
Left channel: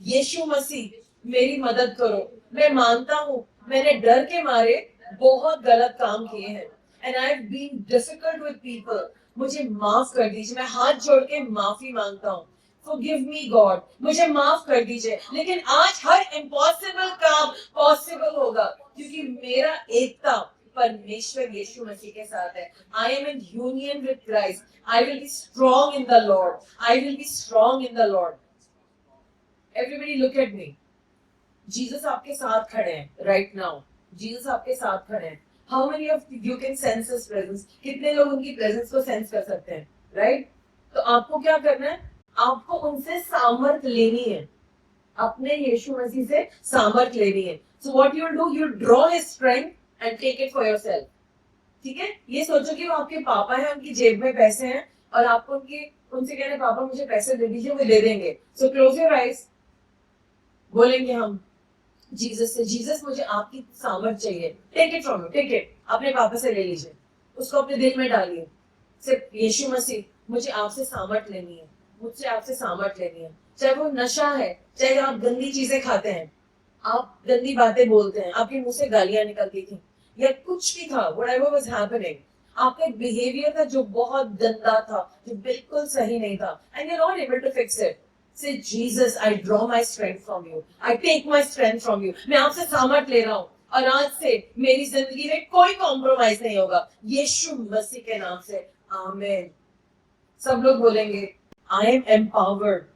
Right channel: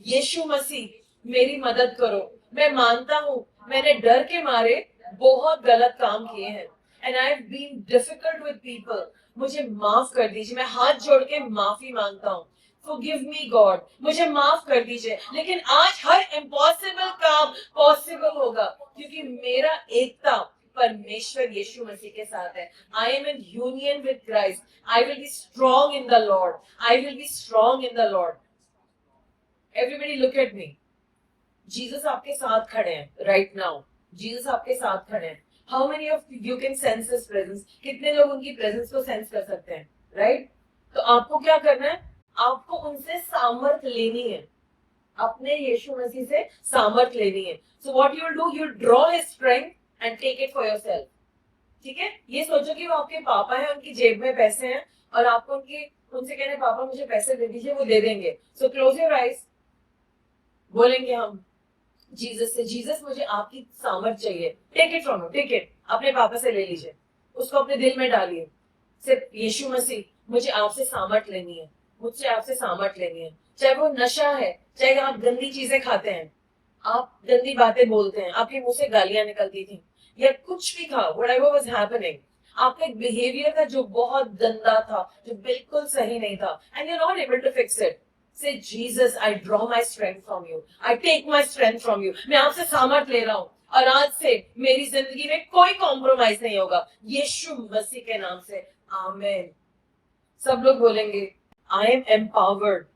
Yeshu Masih मेरी मदद करो। मैं मानता हूँ मैंने डर के मारे बहुत गलत काम किए हैं, and I have been difficult with people. मुझे माफ कर दीजिए, मैं हाथ जोड़ के माफी मांगता हूँ। Forgive me God, मुझे माफ कर दीजिए। लेकिन आज हर इम्पॉसिबल काम पॉसिबल होगा, क्योंकि मेरा एकता परमेश्वर यीशु मसीह के साथ है. I am in union with Christ. I will be strong in the Lord. I will be strong in the Lord. Everybody look at me. Jesus आपके साथ खड़े हैं right now. Jesus आपके साथ खड़े हैं. How many of you can sense His presence? कितने लोग उनकी presence को sense कर सकते हैं? Right? तो आपको क्या करना है? आपको उनसे सामर्थ लेनी है. अपने यीशु मसीह से सामर्थ लेनी है. So what you will do? You draw His strength and take it for yourself. ठीक है? ये सोचो कि वो आपके पापा हैं, उनकी जेब में पैसे हैं और आपको उनसे कहना है पापा मुझे पैसे दे दीजिए, वो दे देंगे. So close your eyes. बोलेंगे हम जीसस से, जीसस मुझे आपकी सामर्थ चाहिए. Take it from you, take it. अपने पापा से ले लीजिए, उसको अपने दिल में डालिए. सिर्फ यीशु मसीह मुझे आपसे सामर्थ लेनी है, मुझसे आपसे सामर्थ लेनी है. चाहे वो नशा है, चाहे आप गंदी चीजें खाते हैं, आप गंदी बातें बोलते हैं, आपके मुंह से गालियां निकलती थी या कुछ भी था, whatever was happening, आपका एक बिहेवियर था जो बहुत गंदा था, जो बिल्कुल सही नहीं था, and you're not able to fix it. Say, Jesus, I draw my strength from you. I take my strength from you. मैं आपसे सामर्थ ले रहा हूँ और आज से मेरी जिंदगी में कोई कॉम्प्रोमाइज नहीं होगा, यीशु मसीह के नाम से. आमीन. सब लोग बोलेंगे, I am empowered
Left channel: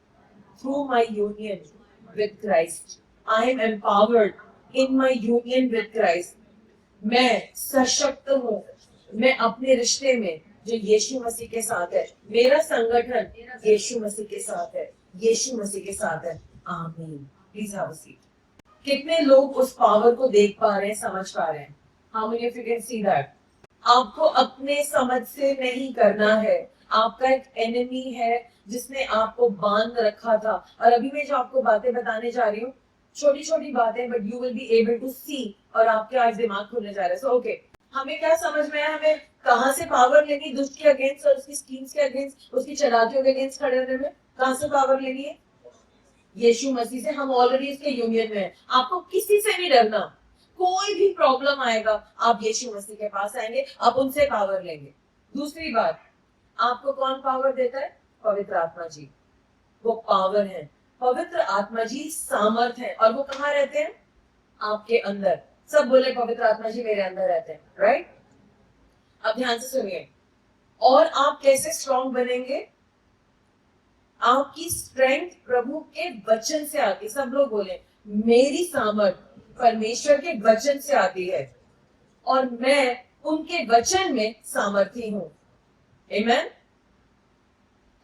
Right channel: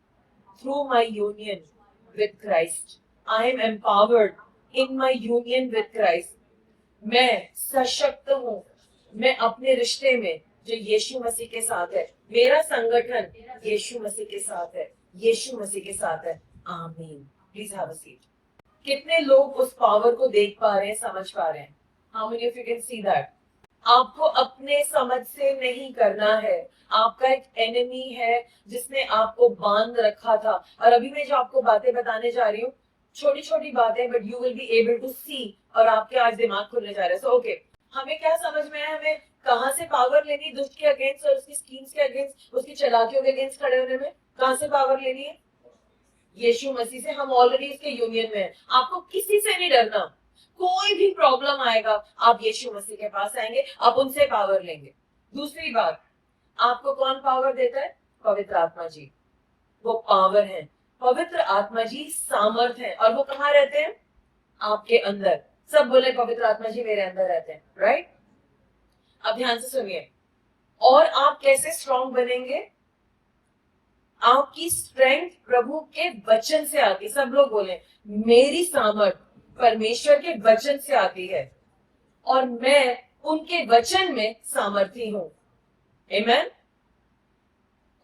through my union with Christ. I am empowered in my union with Christ. मैं सशक्त हूँ, मैं अपने रिश्ते में जो यीशु मसीह के साथ है, मेरा संगठन यीशु मसीह के साथ है, यीशु मसीह के साथ है. आमीन. Please have a seat. कितने लोग उस पावर को देख पा रहे हैं, समझ पा रहे हैं? How many of you can see that? आपको अपने समझ से नहीं करना है. आपका एक एनिमी है जिसने आपको बांध रखा था. और अभी मैं जो आपको बातें बताने जा रही हूँ, छोटी छोटी बातें, but you will be able to see, और आपके आज दिमाग खुलने जा रहा है. सो ओके, हमें क्या समझ में आया? हमें कहाँ से पावर लेनी दुष्ट के अगेंस्ट और उसकी स्कीम्स के अगेंस्ट, उसकी चालाकियों के अगेंस्ट खड़े होने में? कहाँ से पावर लेनी है? यीशु मसीह से. हम ऑलरेडी इसके यूनियन में हैं. आपको किसी से नहीं डरना. कोई भी प्रॉब्लम आएगा, आप यीशु मसीह के पास आएंगे, आप उनसे पावर लेंगे. दूसरी बात, आपको कौन पावर देता है? पवित्र आत्मा जी. वो पावर है. पवित्र आत्मा जी सामर्थ है. और वो कहाँ रहते हैं? आपके अंदर. सब बोले पवित्र आत्मा जी मेरे अंदर रहते हैं. राइट? अब ध्यान से सुनिए. और आप कैसे स्ट्रॉन्ग बनेंगे? आपकी स्ट्रेंथ प्रभु के वचन से आती है. सब लोग बोले मेरी सामर्थ परमेश्वर के वचन से आती है और मैं उनके वचन में सामर्थी हूं. आमीन.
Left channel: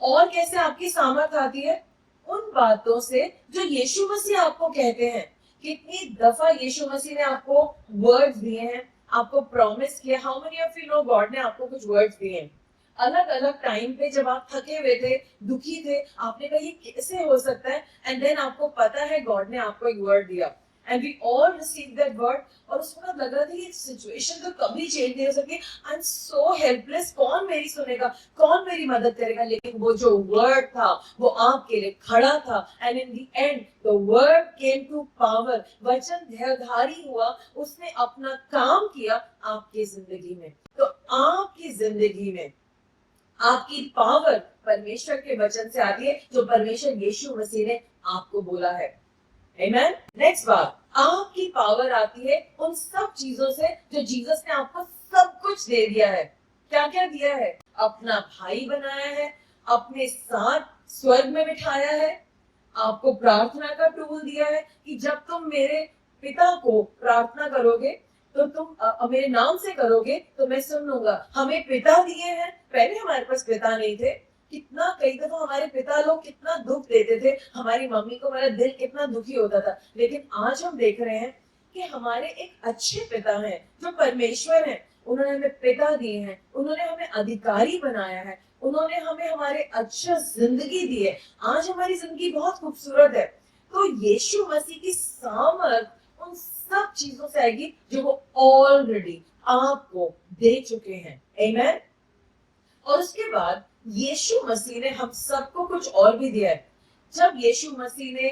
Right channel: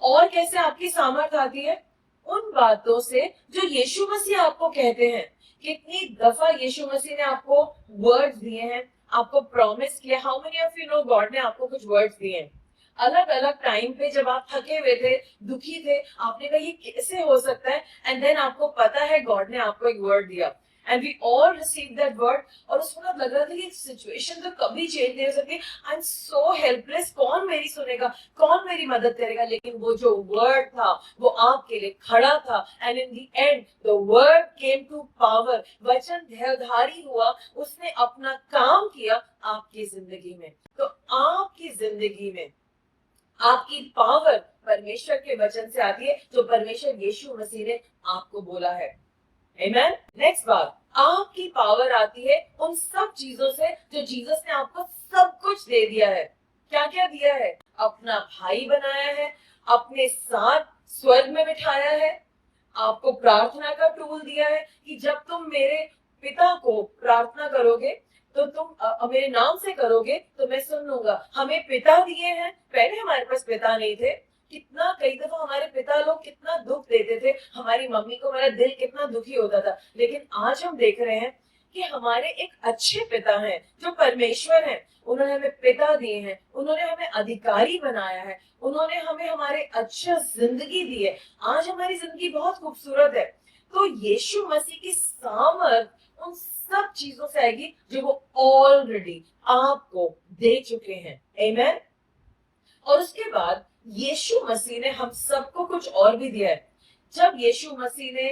और कैसे आपकी सामर्थ आती है? उन बातों से जो यीशु मसीह आपको कहते हैं. कितनी दफा यीशु मसीह ने आपको वर्ड्स दिए हैं, आपको प्रॉमिस किया. How many of you know God ने आपको कुछ वर्ड्स दिए हैं अलग अलग टाइम पे, जब आप थके हुए थे, दुखी थे, आपने कहा ये कैसे हो सकता है, एंड देन आपको पता है गॉड ने आपको एक वर्ड दिया, and we all receive that word. और उस वक्त लग रहा था कि सिचुएशन तो कभी चेंज नहीं हो सकती, आई एम सो हेल्पलेस, कौन मेरी सुनेगा, कौन मेरी मदद करेगा. लेकिन वो जो वर्ड था वो आपके लिए खड़ा था, and in the end the word came to power. वचन देहधारी हुआ, उसने अपना काम किया आपकी जिंदगी में. तो आपकी जिंदगी में आपकी पावर परमेश्वर के वचन से आती है, जो परमेश्वर यीशु मसीह ने आपको बोला है. आमीन. नेक्स्ट बात, आपकी पावर आती है उन सब चीजों से जो जीसस ने आपको सब कुछ दे दिया है. क्या क्या दिया है? अपना भाई बनाया है, अपने साथ स्वर्ग में बिठाया है, आपको प्रार्थना का टूल दिया है कि जब तुम मेरे पिता को प्रार्थना करोगे तो तुम मेरे नाम से करोगे तो मैं सुन लूंगा. हमें पिता दिए हैं. पहले हमारे पास पिता नहीं थे. कितना कई दफा हमारे पिता लोग कितना दुख देते थे, हमारी मम्मी को हमारा दिल कितना दुखी होता था. लेकिन आज हम देख रहे हैं कि हमारे एक अच्छे पिता हैं जो परमेश्वर हैं. उन्होंने हमें पिता दिए हैं, उन्होंने हमें अधिकारी बनाया है, उन्होंने हमें हमारे अच्छा जिंदगी दी है. आज हमारी जिंदगी बहुत खूबसूरत है. तो यीशु मसीह की सामर्थ उन सब चीजों से आएगी जो वो ऑलरेडी आपको दे चुके हैं. आमीन. और उसके बाद यीशु मसीह ने हम सबको कुछ और भी दिया है. जब यीशु मसीह ने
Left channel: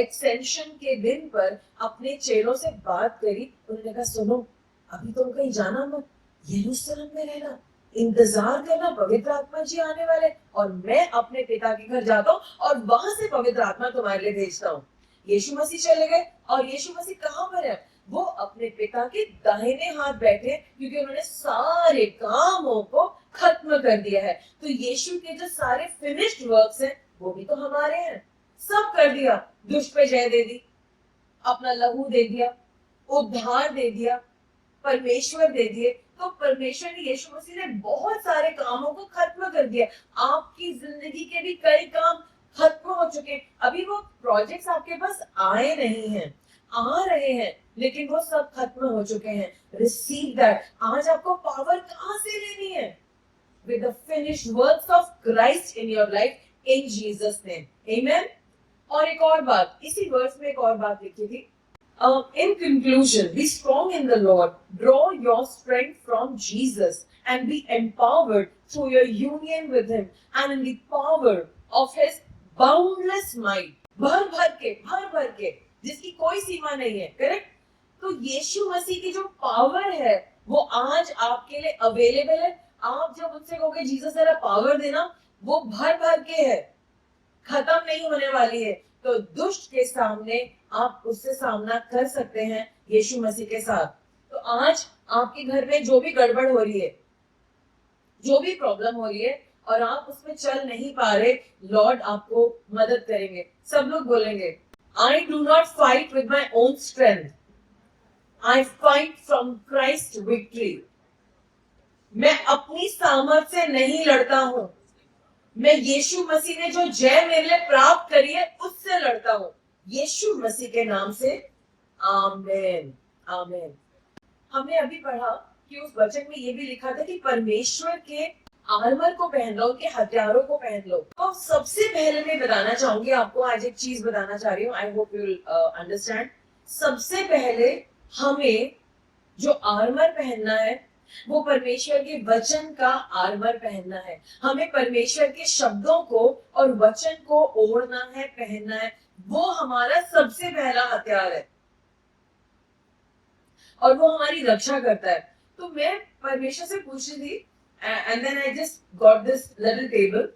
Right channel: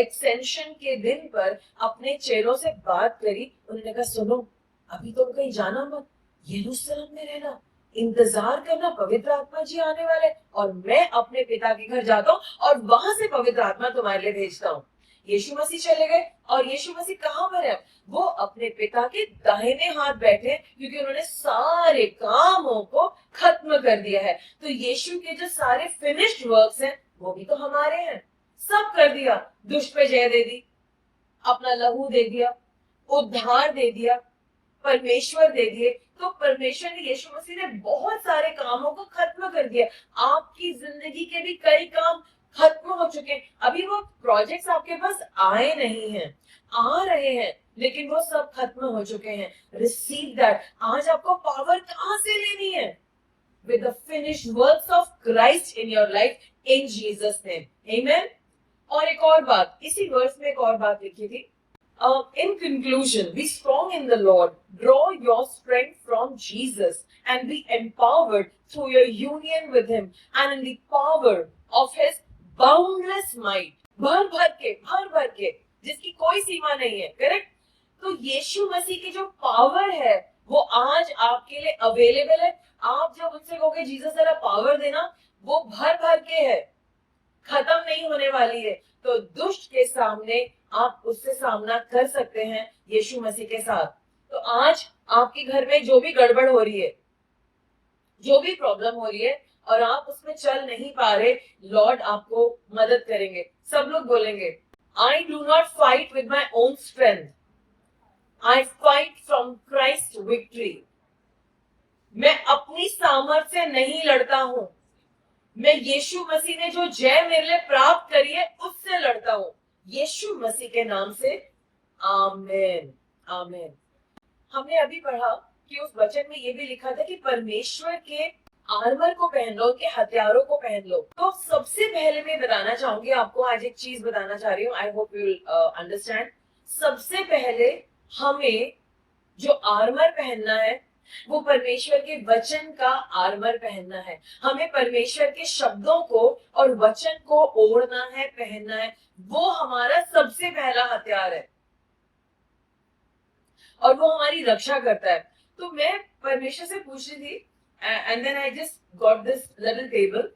एक्सटेंशन के दिन पर अपने चेलों से बात करी, उन्होंने कहा सुनो, अभी तुम कहीं जाना मत, यरूशलेम में रहना, इंतजार करना, पवित्र आत्मा जी आने वाले, और मैं अपने पिता के घर जाता हूँ और वहां से पवित्र आत्मा तुम्हारे लिए भेजता हूँ. यीशु मसीह चले गए, और यीशु मसीह कहाँ पर है? वो अपने पिता के दाहिने हाथ बैठे हैं, क्योंकि उन्होंने सारे कामों को खत्म कर दिया है। तो यीशु के जो सारे फिनिश्ड वर्क्स हैं वो भी तो हमारे हैं, सब कर दिया। दुष्ट पे जय दे दी, अपना लहू दे दिया, उद्धार दे दिया, परमेश्वर दे दिए। तो परमेश्वर ने, यीशु मसीह ने बहुत सारे कामों को खत्म कर दिया। आपकी जिंदगी के भी कई काम खत्म हो चुके हैं। अभी वो प्रोजेक्ट्स आपके पास आए नहीं हैं, आ रहे हैं, लेकिन वो सब खत्म हो चुके हैं। Receive that. आज आपको पावर कहां से लेनी है? with the finished works of Christ in your life in Jesus name. Amen. और एक और बात, इसी वर्स में एक और बात लिखी थी, in conclusion, be strong in the Lord, draw your strength from Jesus and be empowered through your union with Him and in the power of His boundless might. भर भर के, जिसकी कोई सीमा नहीं है, करेक्ट? तो यीशु मसीह की जो पावर है वो आज आपके लिए अवेलेबल है। आप जब उनसे कहोगे जीसस जरा पावर देना, वो भर भर के है, खत्म नहीं होने वाली है। तो दुष्ट के सामने आप उससे सामना कर सकते हैं यीशु मसीह के साथ। तो आज आपके घर में जो भी गड़बड़ हो रही है, जो भी प्रॉब्लम हो रही है और आप उसमें चल नहीं पा रहे, लॉर्ड आपको मदद करेंगे। सब लोग बोलेंगे, I do not fight with my own strength, I fight from Christ victory. मैं अपनी सामर्थ्य से नहीं लड़ता हूं, मैं यीशु मसीह ने जो जय मेरे लिए प्राप्त करी है उससे लड़ता हूं, यीशु मसीह के नाम से। आमीन, आमीन। हमने अभी पढ़ा कि उस वचन में ये भी लिखा था कि परमेश्वर के आर्मर को पहन लो, उनके हथियारों को पहन लो। तो सबसे पहले मैं बताना चाहूंगी आपको, आज एक चीज बताना चाह रही हूँ, I hope you will understand. सबसे पहले हमें जो आर्मर पहनना है वो परमेश्वर के वचन का आर्मर पहनना है। हमें परमेश्वर के शब्दों को और वचन को ओढ़ना है, पहनना है। वो हमारा सबसे पहला हथियार है और वो हमारी रक्षा करता है। तो मैं परमेश्वर से पूछ रही थी, and then I just got this little table.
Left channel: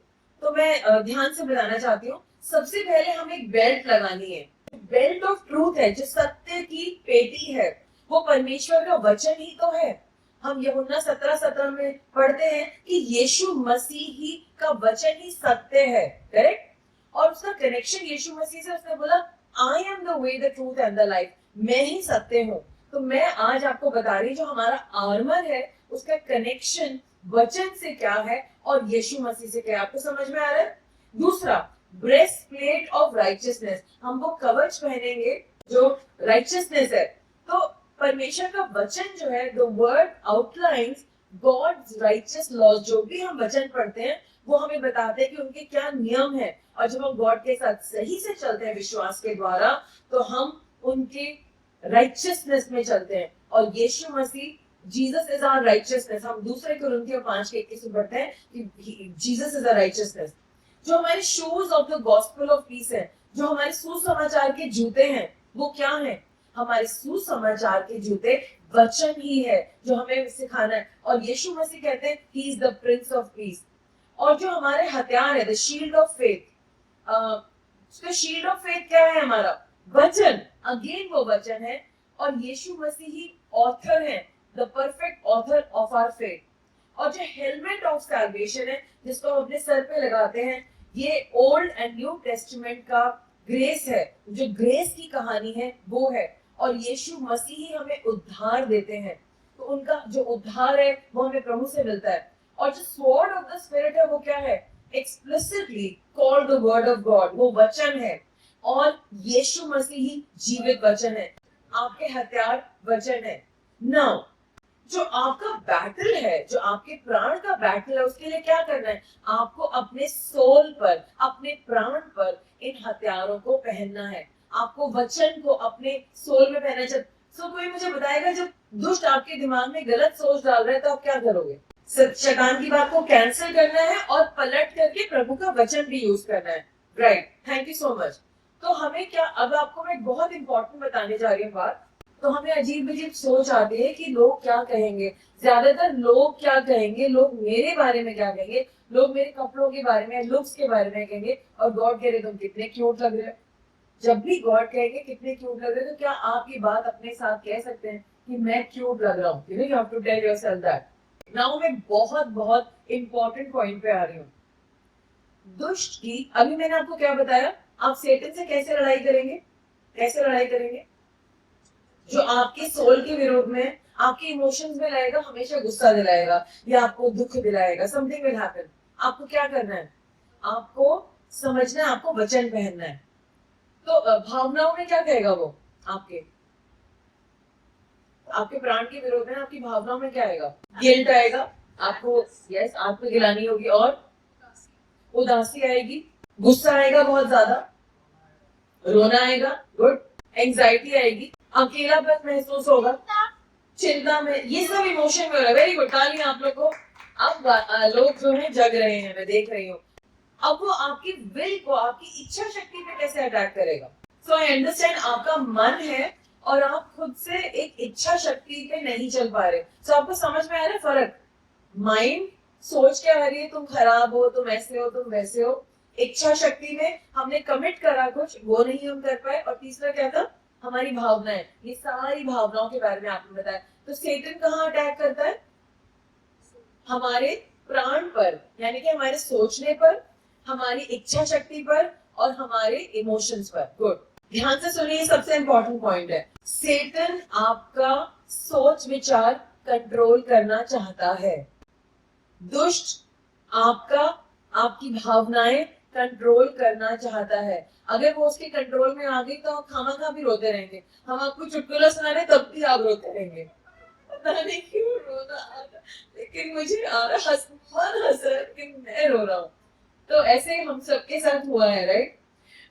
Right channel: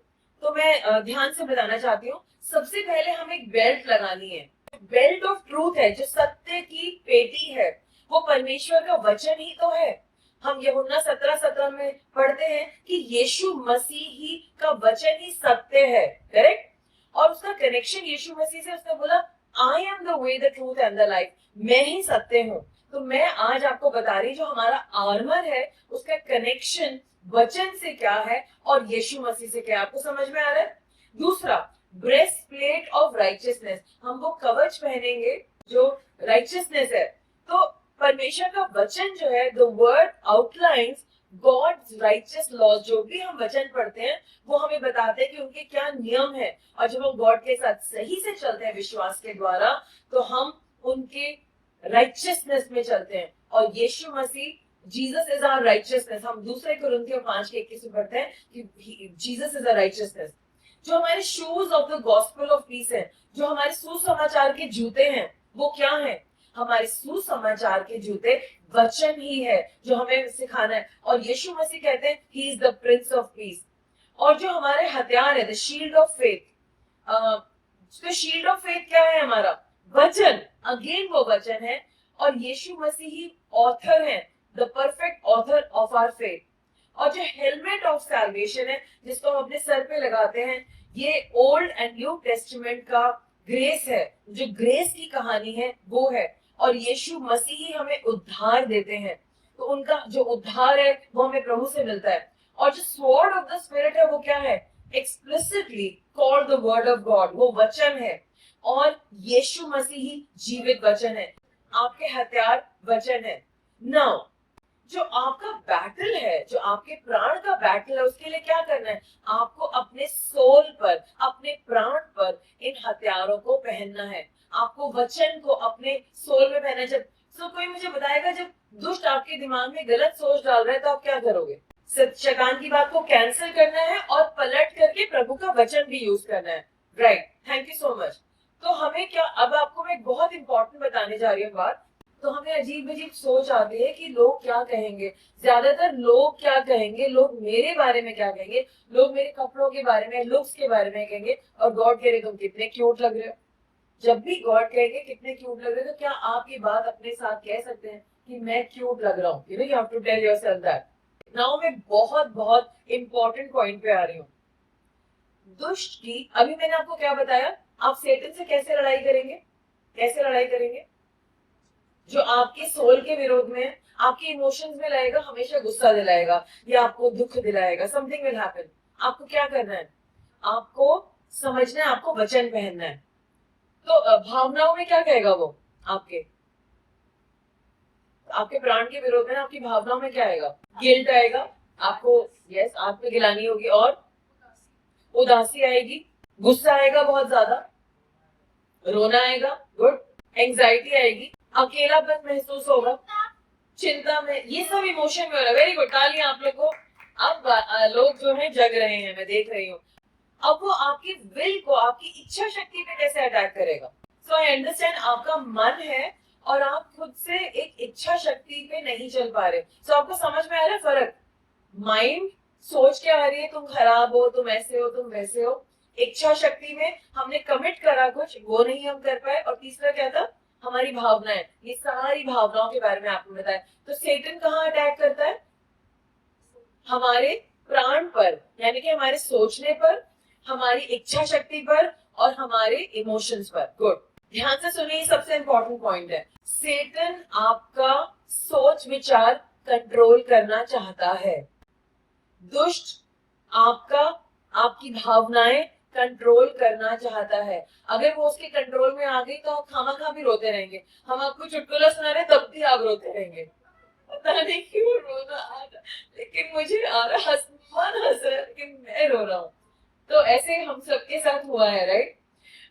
तो मैं ध्यान से बताना चाहती हूँ, सबसे पहले हमें एक बेल्ट लगानी है। बेल्ट ऑफ ट्रूथ है, जो सत्य की पेटी है, वो परमेश्वर का वचन ही तो है। हम यूहन्ना 17:17 में पढ़ते हैं कि यीशु मसीह ही का वचन ही सत्य है, करेक्ट? और उसका कनेक्शन यीशु मसीह से, उसने बोला I am the way, the truth and the life, मैं ही सत्य हूँ। तो मैं आज आपको बता रही, जो हमारा आर्मर है उसका कनेक्शन वचन से क्या है और यीशु मसीह से क्या है। आपको समझ में आ रहा है? दूसरा, ब्रेस्ट प्लेट ऑफ राइचियसनेस, हम वो कवच पहनेंगे जो राइचियसनेस है। तो परमेश्वर का वचन जो है, the word outlines God's righteous laws. जो भी हम वचन पढ़ते हैं वो हमें बताते हैं कि उनके क्या नियम है, और जब हम गॉड के साथ सही से चलते हैं विश्वास के द्वारा, तो हम उनके राइचियसनेस में चलते हैं। और यीशु मसीह, जीसस इज आवर राइचियसनेस। हम दूसरे कुरिन्थियों 5:21 में पढ़ते हैं कि जीसस इज आवर राइचियसनेस। जो हमारे shoes of the gospel of peace है, जो हमारे सुसमाचार के जूते हैं, वो क्या है? हमारे सुसमाचार के जूते वचन ही है जो हमें सिखाना है। और यीशु मसीह कहते हैं he is the prince of peace. और जो हमारे हथियार है, द शील्ड ऑफ फेथ, तो शील्ड ऑफ फेथ क्या है? हमारा वचन, अगेन वो वचन है। और यीशु मसीह ही ऑथर है, the perfect author of our faith. और जो हेलमेट ऑफ सैल्वेशन है, जिसको हम अपने सर पे लगाते हैं, ये ओल्ड एंड न्यू टेस्टामेंट का ग्रेस है, जो ग्रेस की कहानी है वो है। और यीशु मसीह ही हमें उद्धार देते हैं, तो उनका जो उद्धार है वो हमें प्रभु से मिलता है। और जो स्वॉर्ड ऑफ द स्पिरिट है वो क्या है? Explicitly called the word of God, वो वचन है। और यीशु मसीह ही जीवित वचन है, आपके हथियार वचन है। नाउ जो आपका बैटल है, जो आपके प्राण का बैटल है, उसके लिए क्या करना है? आपको अपने सोल पर, अपने प्राण पर इन हथियारों को पहनना है। आपको वचन को अपने सोल में पहनना है। सो कोई मुझे बताएगा, जब दुष्ट आपके दिमाग में गलत सोच डाल रहा है तो आप क्या करोगे? शैतान की बात को कैंसिल करना है और पलट करके प्रभु का वचन भी यूज करना है, right? Thank you so much. तो हमें क्या, अब आपको मैं बहुत इंपॉर्टेंट बताने जा रही हूँ बात। तो हमें अजीब अजीब सोच आती है कि लोग क्या कहेंगे। ज्यादातर लोग क्या कहेंगे, लोग मेरे बारे में क्या कहेंगे, लोग मेरे कपड़ों के बारे में, लुक्स के बारे में कहेंगे, और गॉड कह रहे तुम कितने क्यूट लग रहे हो। जब भी गॉड कहेंगे कितने क्यूट लग रहे हो, तो क्या आप ये बात अपने साथ कह सकते हैं कि मैं क्यूट लग रहा हूँ? You know, you have to tell yourself that. Now मैं बहुत बहुत इंपॉर्टेंट पॉइंट पे आ रही हूँ। दुष्ट की, अभी मैंने आपको क्या बताया, आप सेटन से कैसे लड़ाई करेंगे? कैसे लड़ाई करेंगे? जो आपके सोल के विरोध में है, आपके इमोशंस में लाएगा, हमेशा गुस्सा दिलाएगा या आपको दुख दिलाएगा, समथिंग विल हैपन। आपको क्या करना है? आपको समझना है, आपको वचन पहनना है। तो भावनाओं में क्या कहेगा वो? आपके आपके प्राण के विरोध में, आपकी भावनाओं में क्या आएगा? गिल्ट आएगा आपको, यस, आत्मगिलानी होगी, और उदासी आएगी, गुस्सा आएगा बहुत ज्यादा, रोना आएगा, गुड, एंजाइटी आएगी, अकेलापन महसूस होगा, चिंता में, ये सब इमोशन में हो रहा है। वेरी गुड, तालियां आप लोग को। अब लोग जो है जग रहे हैं, मैं देख रही हूँ। अब वो आपकी विल को, आपकी इच्छा शक्ति पे कैसे अटैक करेगा? सो आई अंडरस्टैंड, आपका मन है और आप खुद से एक इच्छा शक्ति पे नहीं चल पा रहे। सो आपको समझ में आ रहा है फर्क? माइंड सोच क्या आ रही है, तुम खराब हो, तुम ऐसे हो, तुम वैसे हो। इच्छा शक्ति में हमने कमिट करा कुछ, वो नहीं हम कर पाए। और तीसरा क्या था? हमारी भावनाएं। ये सारी भावनाओं के बारे में आपने बताया। तो सेटन कहाँ अटैक करता है? हमारे प्राण पर, यानी कि हमारे सोचने पर, हमारी इच्छा शक्ति पर और हमारे इमोशंस पर। गुड, ध्यान से सुनिए, ये सबसे इंपॉर्टेंट पॉइंट है। सेटन आपका सोच विचार कंट्रोल करना चाहता है। दुष्ट आपका, आपकी भावनाएं कंट्रोल करना चाहता है। अगर वो उसके कंट्रोल में आ गई तो आप खामा भी रोते रहेंगे। हम आपको चुटकुला सुना रहे तब भी आप रोते रहेंगे, पता नहीं क्यों रोना आ रहा, लेकिन मुझे आ रहा, मन हंस रहा है लेकिन मैं रो रहा हूँ। तो ऐसे हम सबके साथ हुआ है, राइट?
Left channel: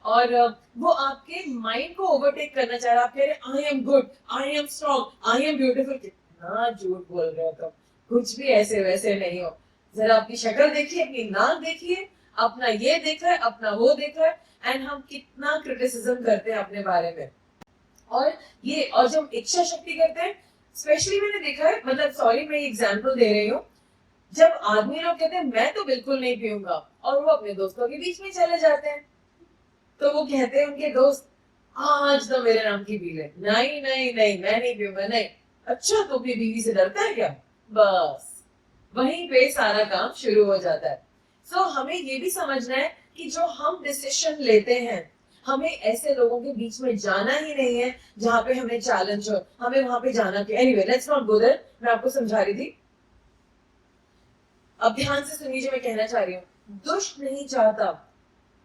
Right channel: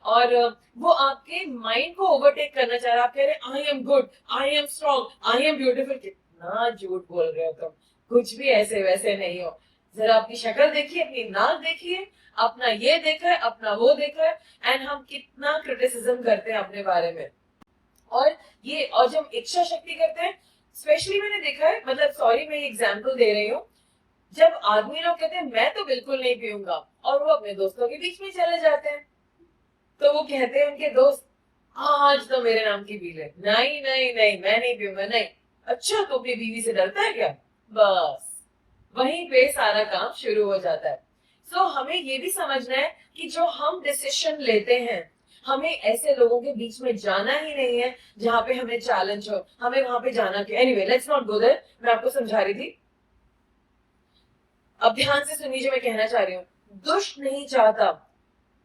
और वो आपके माइंड को ओवरटेक करना चाह रहा है। आप कह रहे हैं I am good, I am strong, I am beautiful. कितना झूठ बोल रहे हो तुम, कुछ भी ऐसे वैसे नहीं हो। जरा अपनी शक्ल देखिए, अपनी नाक देखिए, अपना ये देखा है, अपना वो देखा है, एंड हम कितना क्रिटिसिज्म करते हैं अपने बारे में। और ये, और जब इच्छा शक्ति करते हैं, स्पेशली मैंने देखा है, मतलब सॉरी मैं एग्जांपल दे रही हूँ, जब आदमी लोग कहते हैं मैं तो बिल्कुल नहीं पीऊंगा, और वो अपने दोस्तों के बीच में चले जाते हैं, तो वो कहते हैं उनके दोस्त आज तो मेरे नाम की पी ले, नहीं नहीं नहीं मैं नहीं पीऊंगा, नहीं। अच्छा तो अपनी बीवी से डरता है क्या? बस वहीं पे सारा काम शुरू हो जाता है। सो हमें ये भी समझना है कि जो हम डिसीजन लेते हैं, हमें ऐसे लोगों के बीच में जाना ही नहीं है जहां पे हमें चैलेंज हो, हमें वहां पे जाना क्यों? Anyway, let's not go there. मैं आपको समझा रही थी, अब ध्यान से सुनिए जो मैं कहना चाह रही हूँ। दुष्ट नहीं चाहता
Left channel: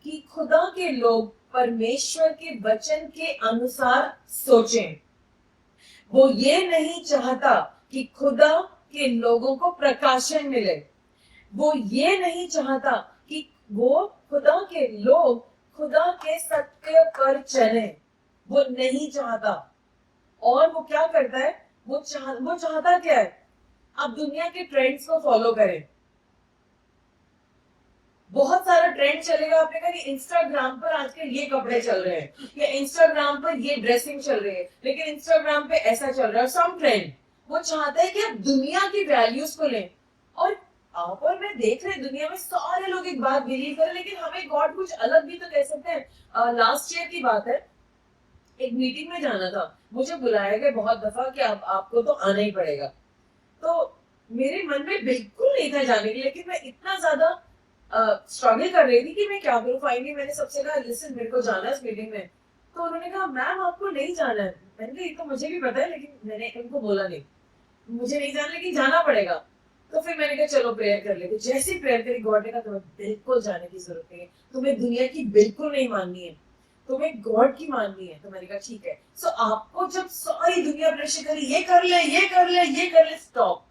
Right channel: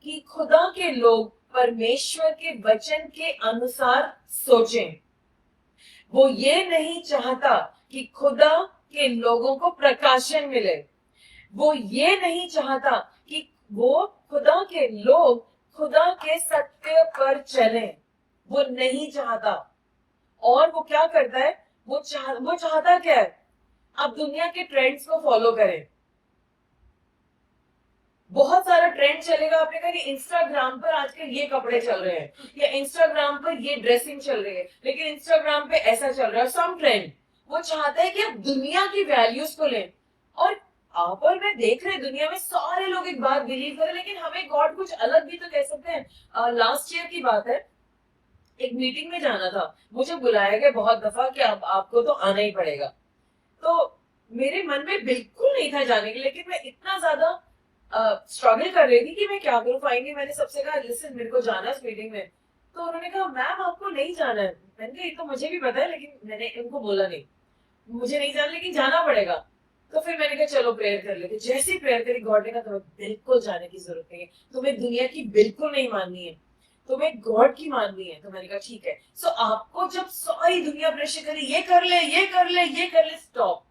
कि खुदा के लोग परमेश्वर के वचन के अनुसार सोचें। वो ये नहीं चाहता कि खुदा के लोगों को प्रकाशन मिले। वो ये नहीं चाहता कि वो खुदा के लोग खुदा के सत्य पर चले। वो नहीं चाहता। और वो क्या करता है? वो चाहता क्या है? आप दुनिया के ट्रेंड्स को फॉलो करें। बहुत सारा ट्रेंड चलेगा, आपने कहा कि इंस्टाग्राम पर आजकल ये कपड़े चल रहे हैं या इंस्टाग्राम पर ये ड्रेसिंग चल रही है, लेकिन इंस्टाग्राम पे ऐसा चल रहा है, सम ट्रेंड। वो चाहता है कि आप दुनिया की वैल्यूज को लें। और आप और मैं देख रहे हैं दुनिया में सारे लोग एक बात बिलीव करें, लेकिन हमें गॉड कुछ अलग भी तो कह सकते हैं। लास्ट ईयर की बात है, एक मीटिंग में जाना था, मुझे बुलाया गया बहुत दफा कि आपको तो आना ही पड़ेगा। तो मेरे मन में बिल्कुल नहीं था जाने के, लेकिन मैं इतना ज्यादा स्ट्रगल कर रही थी कि मैं क्या करूं। फाइनली मैंने सबसे कहा लिसन मेरे को जाना है इस मीटिंग में। तो उन्होंने कहा मैम आपको नहीं जाना है। मैंने कहा ये तो मुझे भी पता है, लेकिन मैंने उनको बोला नहीं मुझे नहीं जाना, लेकिन जाना पड़ेगा। तो फिर मैंने कहा चलो प्रेयर कर लेते। जैसे प्रेयर करी, गॉड ने कहा तुम्हें बिल्कुल जाने की जरूरत नहीं है, तुम्हें दुनिया की बिल्कुल नहीं माननी है, तुम्हें गॉड की माननी है। तो मैंने कहा ठीक है। सो आपको जब सारी दुनिया प्रेशर करे ये कर ले, ये कर ले, ये कर ले, स्टॉप,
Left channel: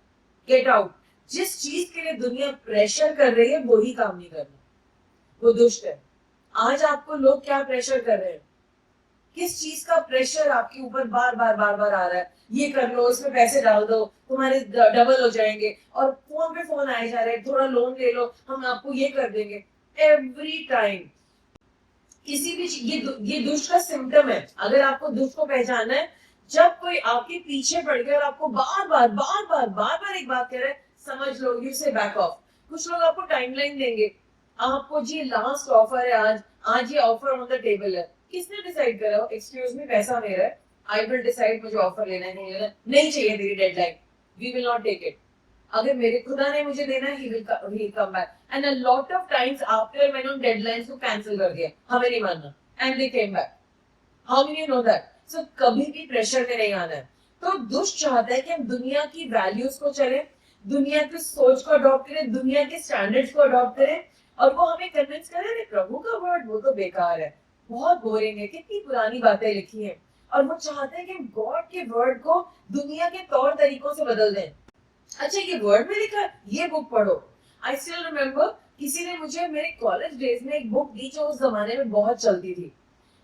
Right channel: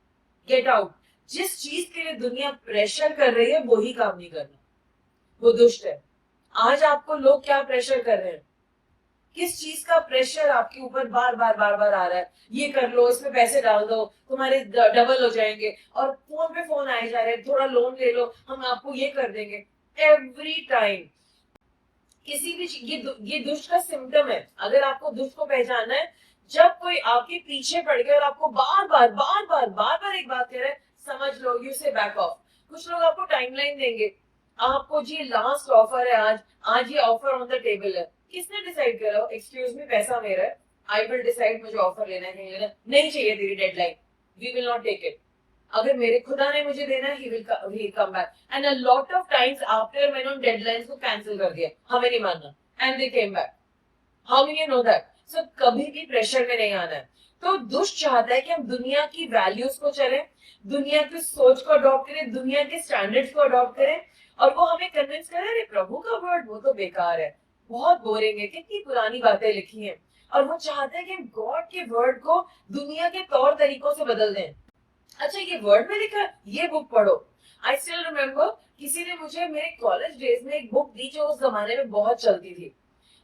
गेट आउट। जिस चीज के लिए दुनिया प्रेशर कर रही है वही काम नहीं करना, वो दुष्ट है। आज आपको लोग क्या प्रेशर कर रहे हैं? किस चीज का प्रेशर आपके ऊपर बार बार बार बार आ रहा है? ये कर लो, इसमें पैसे डाल दो, तुम्हारे डबल हो जाएंगे, और फोन पे फोन आए जा रहे हैं, थोड़ा लोन ले लो, हम आपको ये कर देंगे। एवरी टाइम किसी भी ये दुष्ट का सिम्टम है। अगर आपको दुष्ट को पहचानना है, जब कोई आपके पीछे पड़ गया और आपको बार बार बार बार बार बार एक बात कह रहा है, समझ लो यू से बैक ऑफ। कुछ लोग आपको टाइमलाइन देंगे, आपको जी लास्ट ऑफर है, आज ये ऑफर ऑन द टेबल है, किसने डिसाइड करा? एक्सक्यूज मी, पैसा मेरा है, आई विल डिसाइड मुझे ऑफर लेना है नहीं लेना, नहीं चाहिए तेरी deadline, we will not take it. अगर मेरे खुदा ने मुझे देना है, he come back. And a lot of times after मैंने उन डेडलाइंस को कैंसिल कर दिया, हमें नहीं मानना, and they came back. How many know that? So कभी भी प्रेशर में नहीं आना है. तो दुष्ट चाहता है कि हम दुनिया की वैल्यूज को चलें, दुनिया की सोच को अडॉप्ट करें, दुनिया के स्टैंडर्ड्स को अडॉप्ट करें, और वो हमें कन्विंस करे, अरे प्रभु का वर्ड वो तो बेकार है, बहुत बोरिंग है, कितनी पुरानी बातें लिखी हैं. और वो चाहते हैं कि हम गॉड के वर्ड को दुनिया के तौर तरीकों से बदल दें. अच्छा, ये वर्ड में लिखा है, ये बुक पढ़ो. आई स्टिल रिमेम्बर, किसी ने मुझे मेरे कॉलेज डेज में एक बुक दी जो उस जमाने में बहुत चलती थी,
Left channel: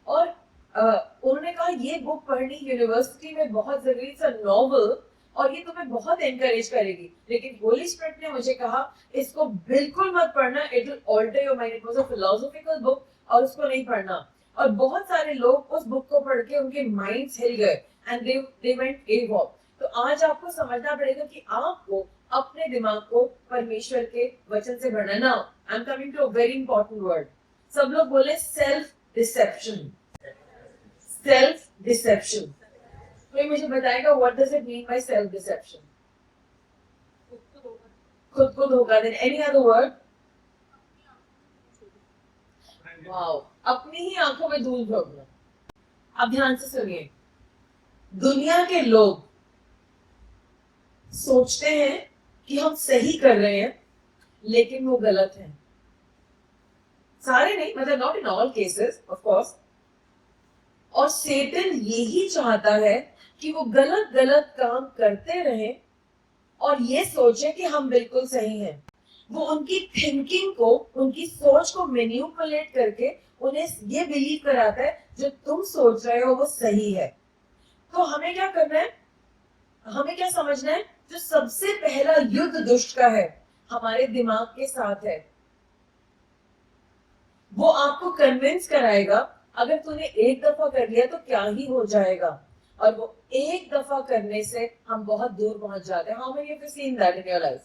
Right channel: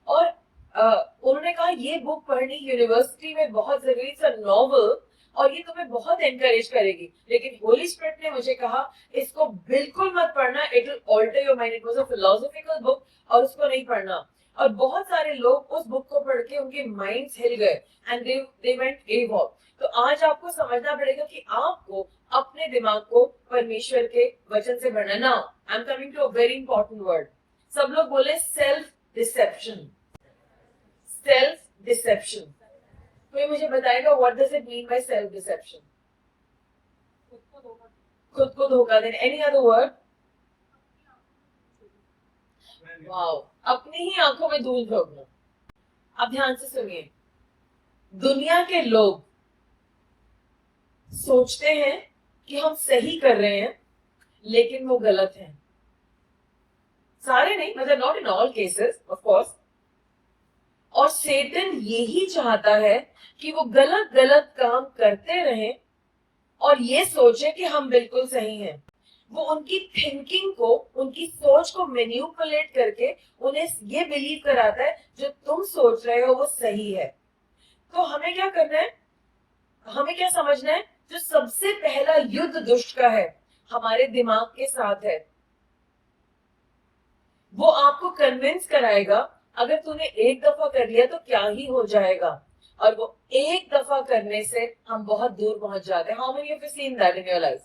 और उन्होंने कहा ये बुक पढ़नी यूनिवर्सिटी में बहुत जरूरी, इट्स अ नॉवल और ये तुम्हें बहुत एनकरेज करेगी. लेकिन होली स्पिरिट ने मुझे कहा इसको बिल्कुल मत पढ़ना, it will alter your mind. It was a philosophical book और उसको नहीं पढ़ना. और बहुत सारे लोग उस बुक को पढ़ के उनके माइंड्स हिल गए एंड दे वेंट एवॉक. तो आज आपको समझना पड़ेगा कि आपको अपने दिमाग को परमेश्वर के वचन से भरना. Now I am coming to a very important word. सब लोग बोले सेल्फ डिसेप्शन. Self dissipation. कोई मुझे बताएगा what does it mean by self deception? खुद को धोखा देना. Any other word? वाओ, अपनी ही आंखों में धूल झोंकना. अब ध्यान से सुनिए, दुनिया के लोग सोचते हैं कि हम सही कर रहे हैं, लेकिन वो गलत हैं. सारे नहीं, मतलब not in all cases of course. और सैतान यही चाहता है कि वो गलत गलत काम करते रहें और ये सोचे कि हम बिल्कुल सही हैं. वो उनकी थिंकिंग को, उनकी सोच को मैनिपुलेट करके उन्हें ये बिलीव कराता है जो तुम सोच रहे हो वो सही है. तो हमें क्या करना है? हमें क्या समझना है? जो सबसे पहला युद्ध दुष्ट का है, हमारे दिमाग के साथ है. वो आपको कन्विंस कराएगा, अगर तूने एक दफा कर लिया तो क्या ही हो जाएगा. और वो एक दफा करने से हम बहुत दूर पहुंच जाते हैं. How many of you seen that in your life?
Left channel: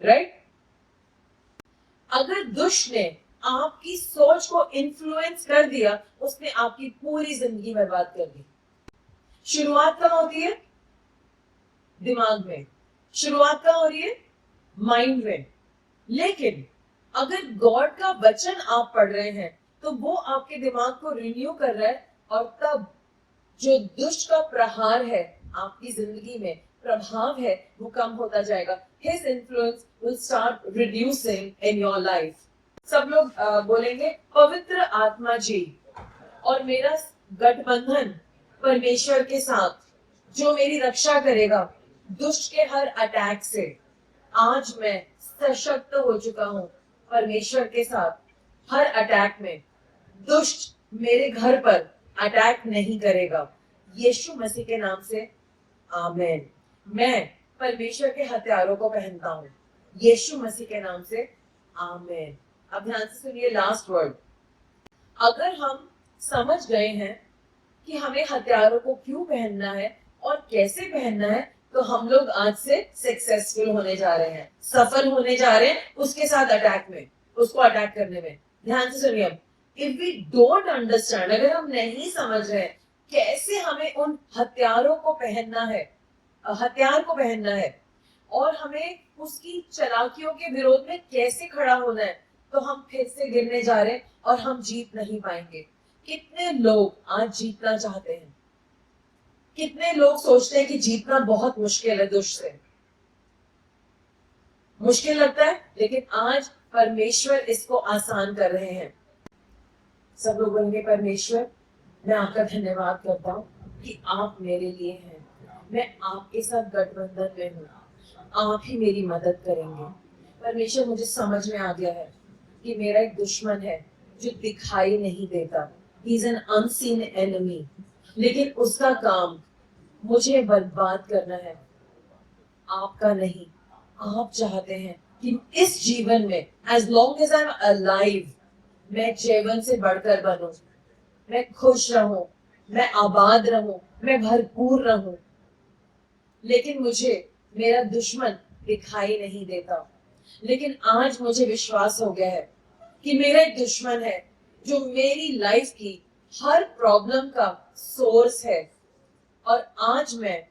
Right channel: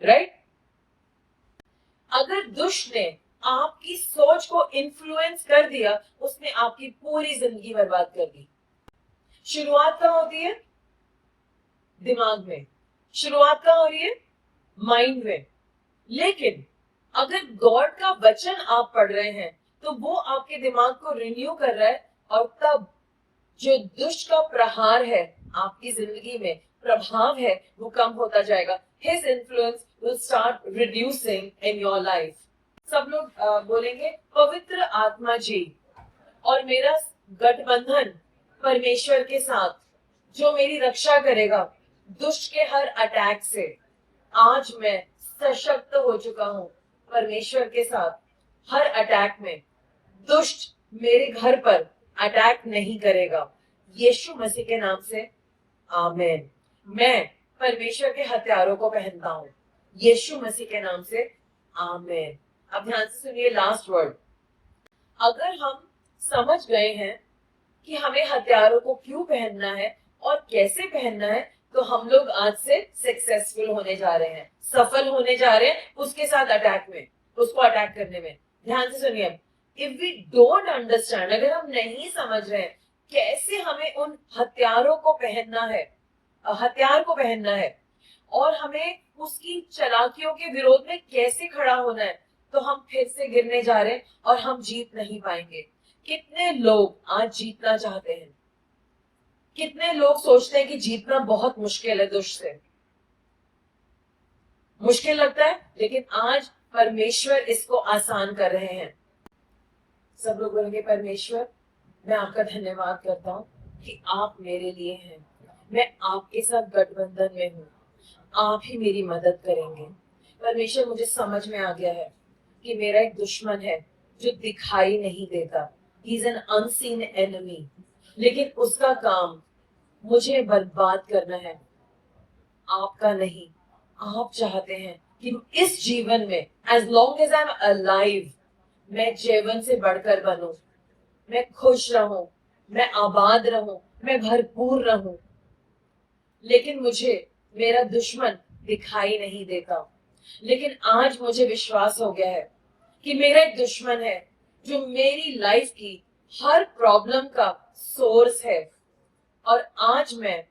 Right? अगर दुष्ट ने आपकी सोच को इन्फ्लुएंस कर दिया, उसने आपकी पूरी जिंदगी बर्बाद कर दी. शुरुआत कहाँ होती है? दिमाग में. शुरुआत कहाँ हो रही है? माइंड में. लेकिन अगर गॉड का वचन आप पढ़ रहे हैं तो वो आपके दिमाग को रिन्यू कर रहा है, और तब जो दुष्ट का प्रहार है आपकी जिंदगी में, प्रभाव है, वो कम होता जाएगा. His influence will start reducing in your life. सब लोग बोलेंगे पवित्र आत्मा जी और मेरा गठबंधन परमेश्वर के साथ जो मेरी रक्षा करेगा दुष्ट के हर अटैक से. आज मैं सशक्त हो चुका हूँ परमेश्वर के साथ. हर अटैक में दुष्ट मेरे घर पर अटैक नहीं करेगा. यीशु मसीह के नाम से आमीन. मैं परमेश्वर के हथियारों को पहनता हूँ यीशु मसीह के नाम से आमीन. अब ध्यान से सुनिए लास्ट वर्ड. अगर हम समझ गए हैं कि हमें हथियारों को क्यों पहनना है और कैसे पहनना है, तो हम लोग आज से सक्सेसफुल होने जा रहे हैं, सफल होने जा रहे हैं उसके साथ अटैक में, उसको अटैक करने में. ध्यान से सुनिए, इफ वी डोंट अंडरस्टैंड, अगर हम नहीं समझ रहे हैं कैसे हमें उन हथियारों को पहनना है, हथियार को पहनना है, और हमें उसकी चालाकियों के विरोध में कैसे खड़ा होना है, तो हम फिर से गिरने जा रहे हैं और हम जीत नहीं पाएंगे. कितने लोग आज जीतना चाहते हैं? कितने लोग सोचते हैं कि जीतना बहुत मुश्किल है, दुष्ट से मुश्किल लगता है, लेकिन आज परमेश्वर इसको आसान कर रहे हैं. सब लोग बोलेंगे परमेश्वर मैं आपका धन्यवाद करता हूँ कि आप मेरे लिए हैं, मैं आपके साथ गठबंधन में हूँ, आप ही मेरी मदद करेंगे. परमेश्वर मुझे समझ में आ गया है कि मेरा एक दुश्मन है जो दिखाई नहीं देता. He is an unseen enemy, लेकिन उसका काम मुझे बर्बाद करना है, आपका नहीं. आप चाहते हैं कि इस जीवन में as long as I am alive मैं जीवन से बढ़कर बनूं, मैं खुश रहूं, मैं आबाद रहूं, मैं भरपूर रहूं. लेकिन मुझे मेरा दुश्मन दिखाई नहीं देता. लेकिन आज मुझे विश्वास हो गया है कि मेरा एक दुश्मन है जो मेरी लाइफ की हर प्रॉब्लम का सोर्स है और आज मैं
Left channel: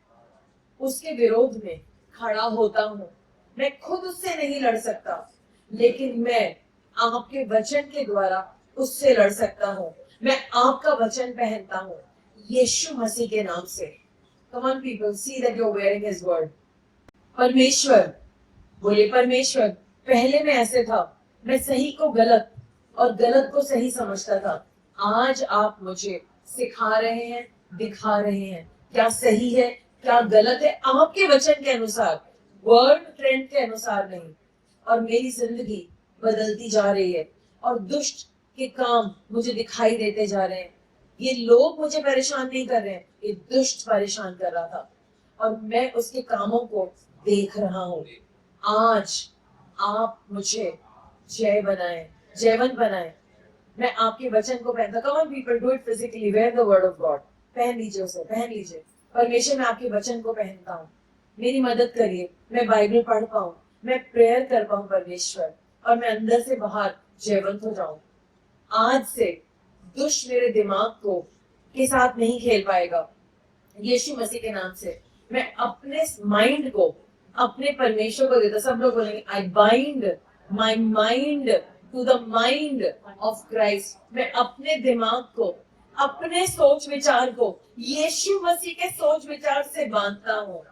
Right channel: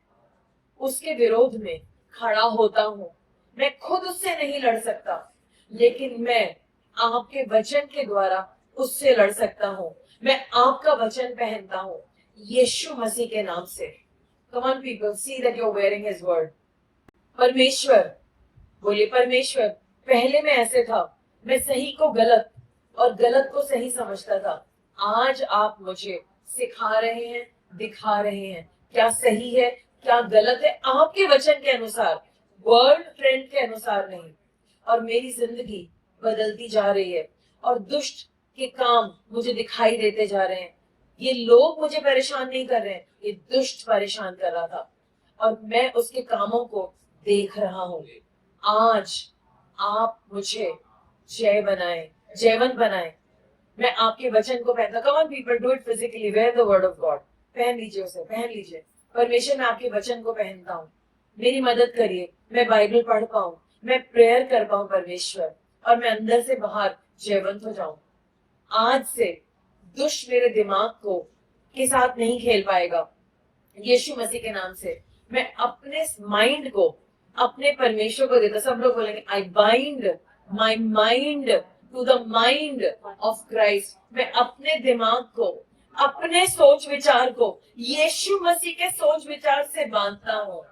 उसके विरोध में खड़ा होता हूँ। मैं खुद उससे नहीं लड़ सकता, लेकिन मैं आपके वचन के द्वारा उससे लड़ सकता हूँ। मैं आपका वचन पहनता हूँ यीशु मसीह के नाम से। Come on people, see that you're wearing his word. परमेश्वर, बोले परमेश्वर, पहले मैं ऐसे था, मैं सही को गलत और गलत को सही समझता था। आज आप मुझे सिखा रहे हैं, दिखा रहे हैं क्या सही है, क्या गलत है, आपके वचन के अनुसार, वर्ल्ड ट्रेंड के अनुसार नहीं। और मेरी जिंदगी बदलती जा रही है और दुष्ट के काम मुझे दिखाई देते जा रहे हैं। ये लोग मुझे परेशान नहीं कर रहे हैं, ये दुष्ट परेशान कर रहा था और मैं उसके कामों को देख रहा हूँ। आज आप मुझे जय बनाए, जयवंत बनाए। मैं आपके वचन को पहनता। Come on people, do it physically, wear the word of God. पहन लीजिए उसे, पहन लीजिए। परमेश्वर, मैं आपके वचन को पहनता हूँ, मेरी मदद करिए, मैं बाइबल पढ़ पाऊँ, मैं प्रेयर कर पाऊँ परमेश्वर, और मैं अंदर से बाहर जयवंत हो जाऊं। आज से दुष्ट मेरे दिमाग को के साथ नहीं खेल पाएगा। यीशु मसीह के नाम से मैं अपने माइंड को अपने परमेश्वर को देता। सब लोग बोलेंगे, I bind my mind to the mind of Christ. मैं अपने दिमाग को, अपने सोच विचार को यीशु मसीह के सोच विचार से बांधता हूँ।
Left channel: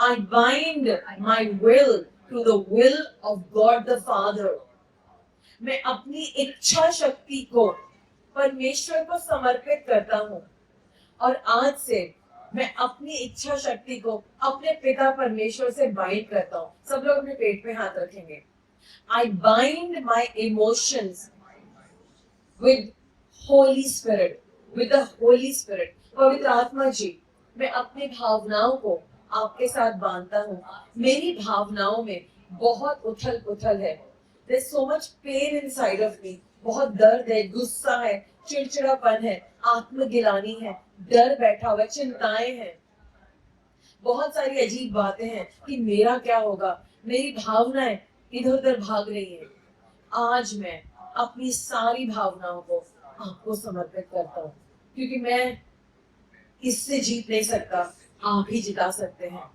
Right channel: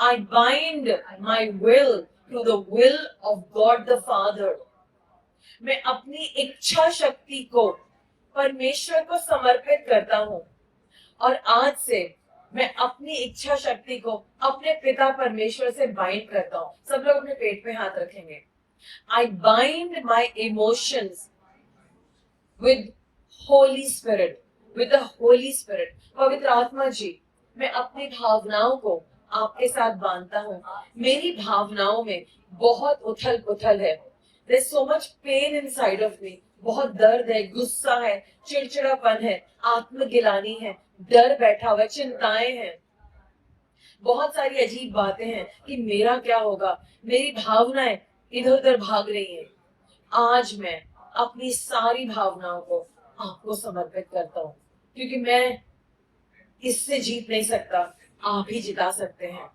I bind my will to the will of God the Father. मैं अपनी इच्छा शक्ति को परमेश्वर को समर्पित करता हूँ और आज से मैं अपनी इच्छा शक्ति को अपने पिता परमेश्वर से बाइंड करता हूँ। सब लोग अपने पेट पे हाथ रखेंगे। I bind my emotions with Holy Spirit, with the Holy Spirit. पवित्र आत्मा जी, मैं अपनी भावनाओं को आपके साथ बांधता हूँ। मेरी भावनाओं में बहुत उथल पुथल है। There's so much pain inside of me. बहुत दर्द है, गुस्सा है, चिड़चिड़ापन है, आत्मगिलानी है, डर बैठा हुआ है, चिंताएं हैं, बहुत सारी अजीब बातें हैं कि मेरा क्या होगा। मेरी भावनाएं इधर उधर भाग रही हैं। आज मैं अपनी सारी भावनाओं को आपको समर्पित करता हूँ, क्योंकि मैं इससे जीत नहीं सकता, आप ही जिता सकते हैं।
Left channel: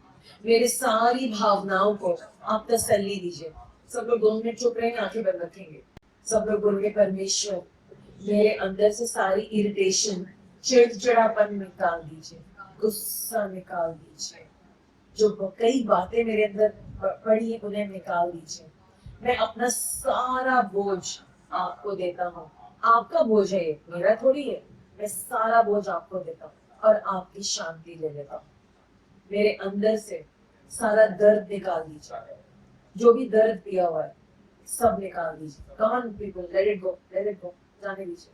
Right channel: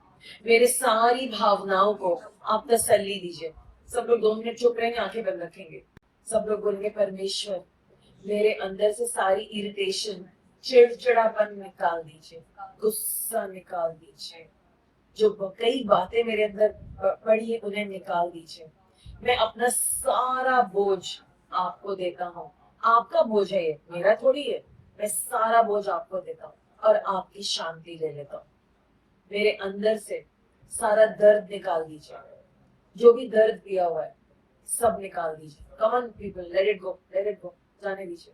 मेरे सारी भावनाओं को आप तसल्ली दीजिए। सब लोग 2 मिनट चुप रहेंगे, आंखें बंद रखेंगे। सब लोग बोलेंगे, परमेश्वर मेरे अंदर से सारी इरिटेशन, चिड़चिड़ापन निकाल दीजिए, गुस्सा निकाल दीजिए, जो कई बातें मेरे अंदर पड़ी है उन्हें निकाल दीजिए। मैं अपना सारा बोझ आपको देता हूँ। आपका बोझ है ये, मेरा थोड़ी है। मैं सारा बोझ आपको देता हूँ और आपकी शांति ले लेता हूँ। मेरे अंदर से सारा दर्द निकाल दीजिए, जो भी दर्द दिया हुआ है सब निकाल दीजिए। कम on people, let it go, let it go, जाने दीजिए।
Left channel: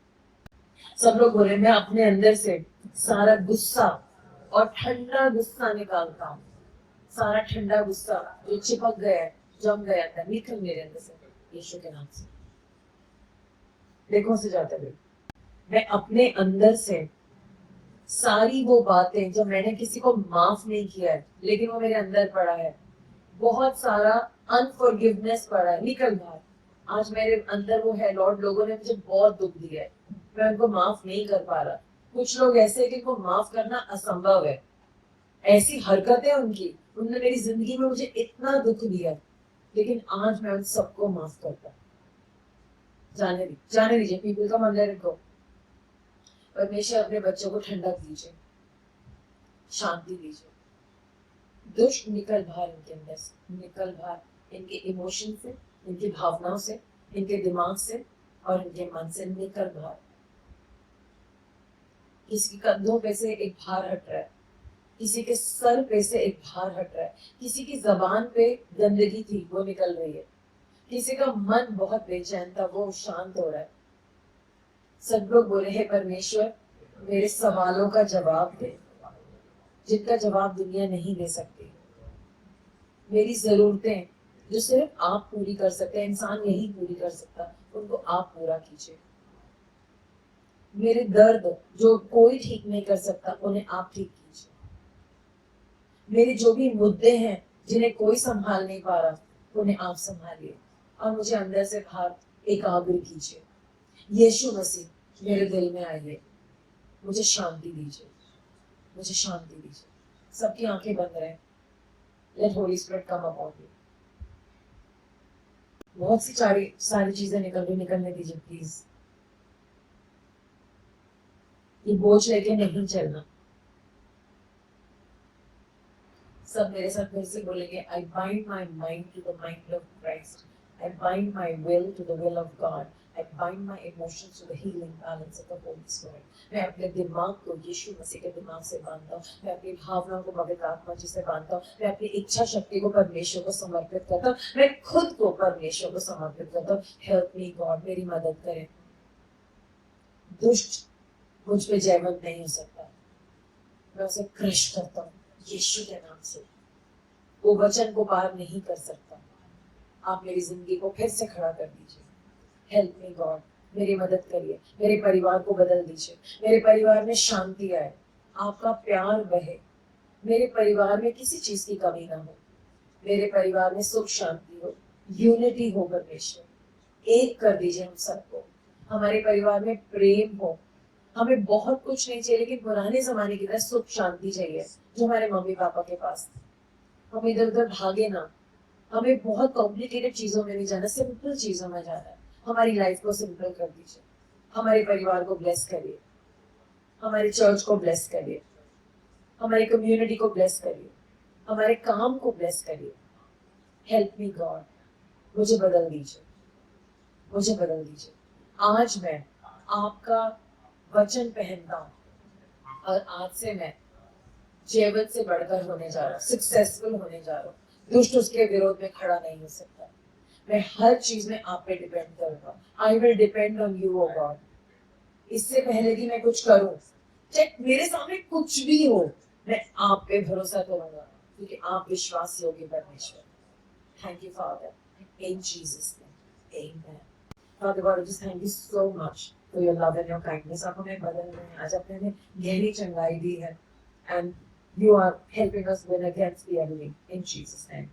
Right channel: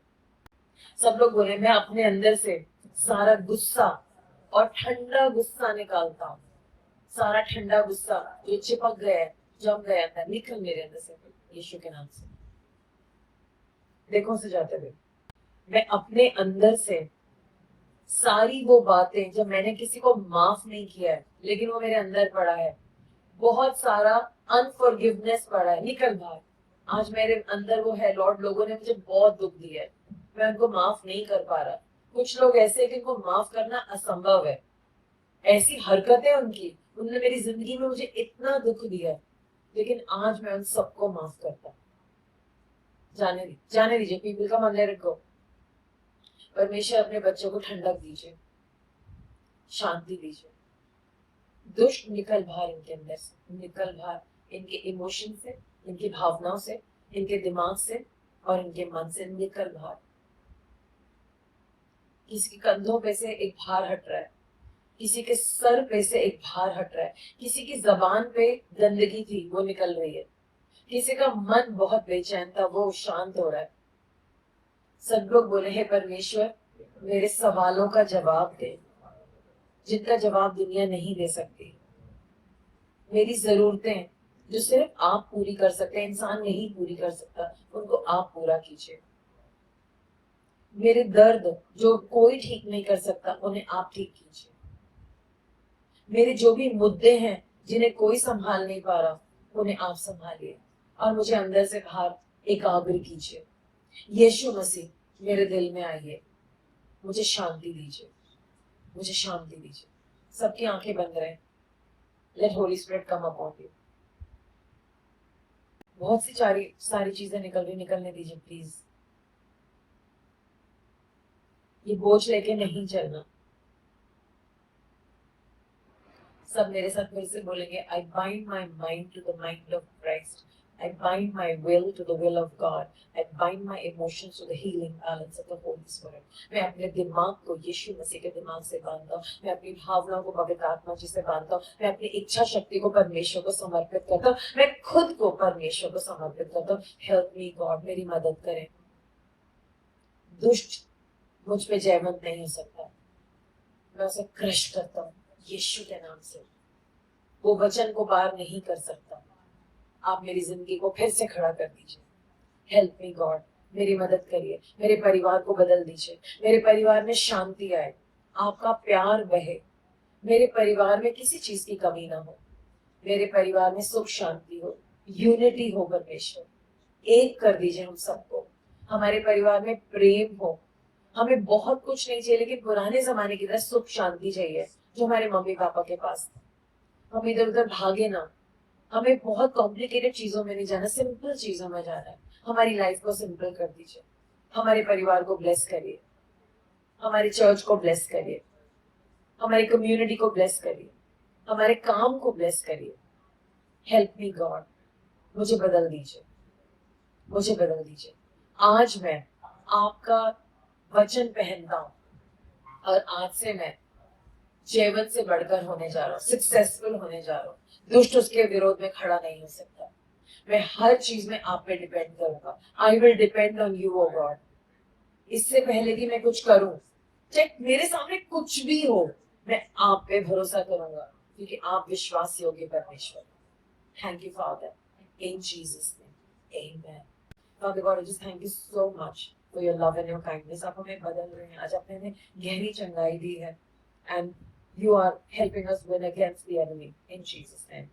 सब लोग बोले, मैं अपने अंदर से सारा गुस्सा और ठंडा गुस्सा निकालता हूँ। सारा ठंडा गुस्सा जो चिपक गया है, जम गया था, निकल मेरे अंदर से यीशु के नाम से। देखो से जाते हुए, मैं अपने अंदर से सारी वो बातें जो मैंने किसी को माफ नहीं किया है लेकिन वो मेरे अंदर पड़ा है, बहुत सारा अनफॉरगिवनेस पड़ा है, निकल बाहर। आज मेरे अंदर वो है, लॉर्ड लोगों ने मुझे बहुत दुख दिया है, मैं उनको माफ नहीं कर पा रहा। कुछ लोग ऐसे हैं कि उनको माफ करना असंभव है, ऐसी हरकतें उनकी, उन्होंने मेरी जिंदगी में मुझे इतना दुख दिया, लेकिन आज मैं उन सबको माफ करता। जाने दीजिए पीपल का मन, लेट इट गो। परमेश्वर अपने बच्चों को ठंडक दीजिए, शांति दीजिए। दुष्ट निकल बाहर इनके अंदर से, निकल बाहर इनके इमोशन से, इनकी भावनाओं से, इनके दिमाग से और इनके मन से, निकल बाहर। किसी के कंधों पे से एक भार हट रहा है, किसी के सर पे से एक भार हट रहा है, किसी की जबान पे गंदगी थी वो निकल रही है, किसी का मन बहुत बेचैन था वो शांत हो रहा है। सब लोग बोले, हे परमेश्वर मेरे सवालों का जवाब दे, जिनका जवाब दुनिया नहीं दे सकती। मेरी जरूरतें जो सिर्फ आप पूरी कर सकते हैं, इंसान नहीं पूरी कर सकता, उनको आप पूरा कीजिए। मेरे दर्द जो कोई ठीक नहीं कर सकता, उन्हें आप ठीक कीजिए। मेरे जो भी मुद्दे हैं जिन्हें कोई संभाल नहीं पा रहा, उन्हें आप संभालिए और मुझे अंदर से बाहर एकाग्र कीजिए। यीशु मसीह मेरे दिल में आइए, मुझे शांति दीजिए, मुझे शांति दीजिए। सबकी आंखें बंद रहे। Let holy spirit come upon you. बहुत सी सारी चीजें निकलने दीजिए प्लीज। ये बोझ लेके नहीं चलना। सब मेरे साथ फिर से बोलेंगे, I bind my mind to the mind of Christ. I bind my will to the will of God. I bind my emotions to the healing balance of the Holy Spirit. मैं अपने दिमाग को यीशु मसीह के दिमाग से बांधता हूँ। मैं अपनी भावनाओं को पवित्र आत्मा जी से बांधता हूँ। मैं अपनी इच्छा शक्ति को परमेश्वर को समर्पित करता हूँ। मैं खुद को परमेश्वर को समर्पित करता हूँ। हेल्प मी गॉड, मेरी मदद करें। दुष्ट मुझ पे जयवंत नहीं हो सकता। मैं उसे क्रश करता हूँ यीशु के नाम से। वो वचन को पार नहीं कर सकता। आप मेरी जिंदगी को फिर से खड़ा कर दीजिए। हेल्प मी गॉड, मेरी मदद करिए। मेरे परिवार को बदल दीजिए। मेरे परिवार में शांति आए, आपका प्यार बहे। मेरे परिवार में किसी चीज की कमी ना हो। मेरे परिवार में सुख शांति हो, यूनिटी हो। परमेश्वर एक कर दीजिए हम सबको। हमारे परिवार में प्रेम हो। हमें बहुत कुछ नहीं चाहिए, लेकिन पुराने जमाने की तरह सुख शांति चाहिए जो हमारे मम्मी पापा के पास। हम इधर उधर भागे ना। हमें बहुत कॉम्प्लिकेटेड चीजों में नहीं जाना, सिंपल चीजों में जाना है। हमारी लाइफ को सिंपल कर दीजिए। हमारे परिवार को ब्लेस करिए। हमारे चर्च को ब्लेस करिए। हमारी कम्युनिटी को ब्लेस करिए। हमारे काम को ब्लेस करिए। हेल्प मी गॉड, मुझे बदल दीजिए, मुझे बदल दीजिए। आज मैं आपका वचन पहनता हूँ और आज से मैं जयवंत से बढ़कर होने जा रहा हूँ, सक्सेसफुल होने जा रहा हूँ। दुष्ट उसके विरोध में खड़ा नहीं हो सकता। मैं हर चीज में आप पे डिपेंड करूंगा। I will depend on you, O God. इससे पहले कि मैं कुछ करूं, चाहे मेरे सामने कुछ भी हो, मैं आप पे भरोसा करूंगा, क्योंकि आप विश्वास योग्य परमेश्वर। Thank you father, in Jesus name, amen. Father God, I just thank you so much for your love and your kindness. आप हमें बदल रहे हैं। आज आपने हमें गहरी चंगाई दी है, and you are helping us win against the enemy in Jesus' name.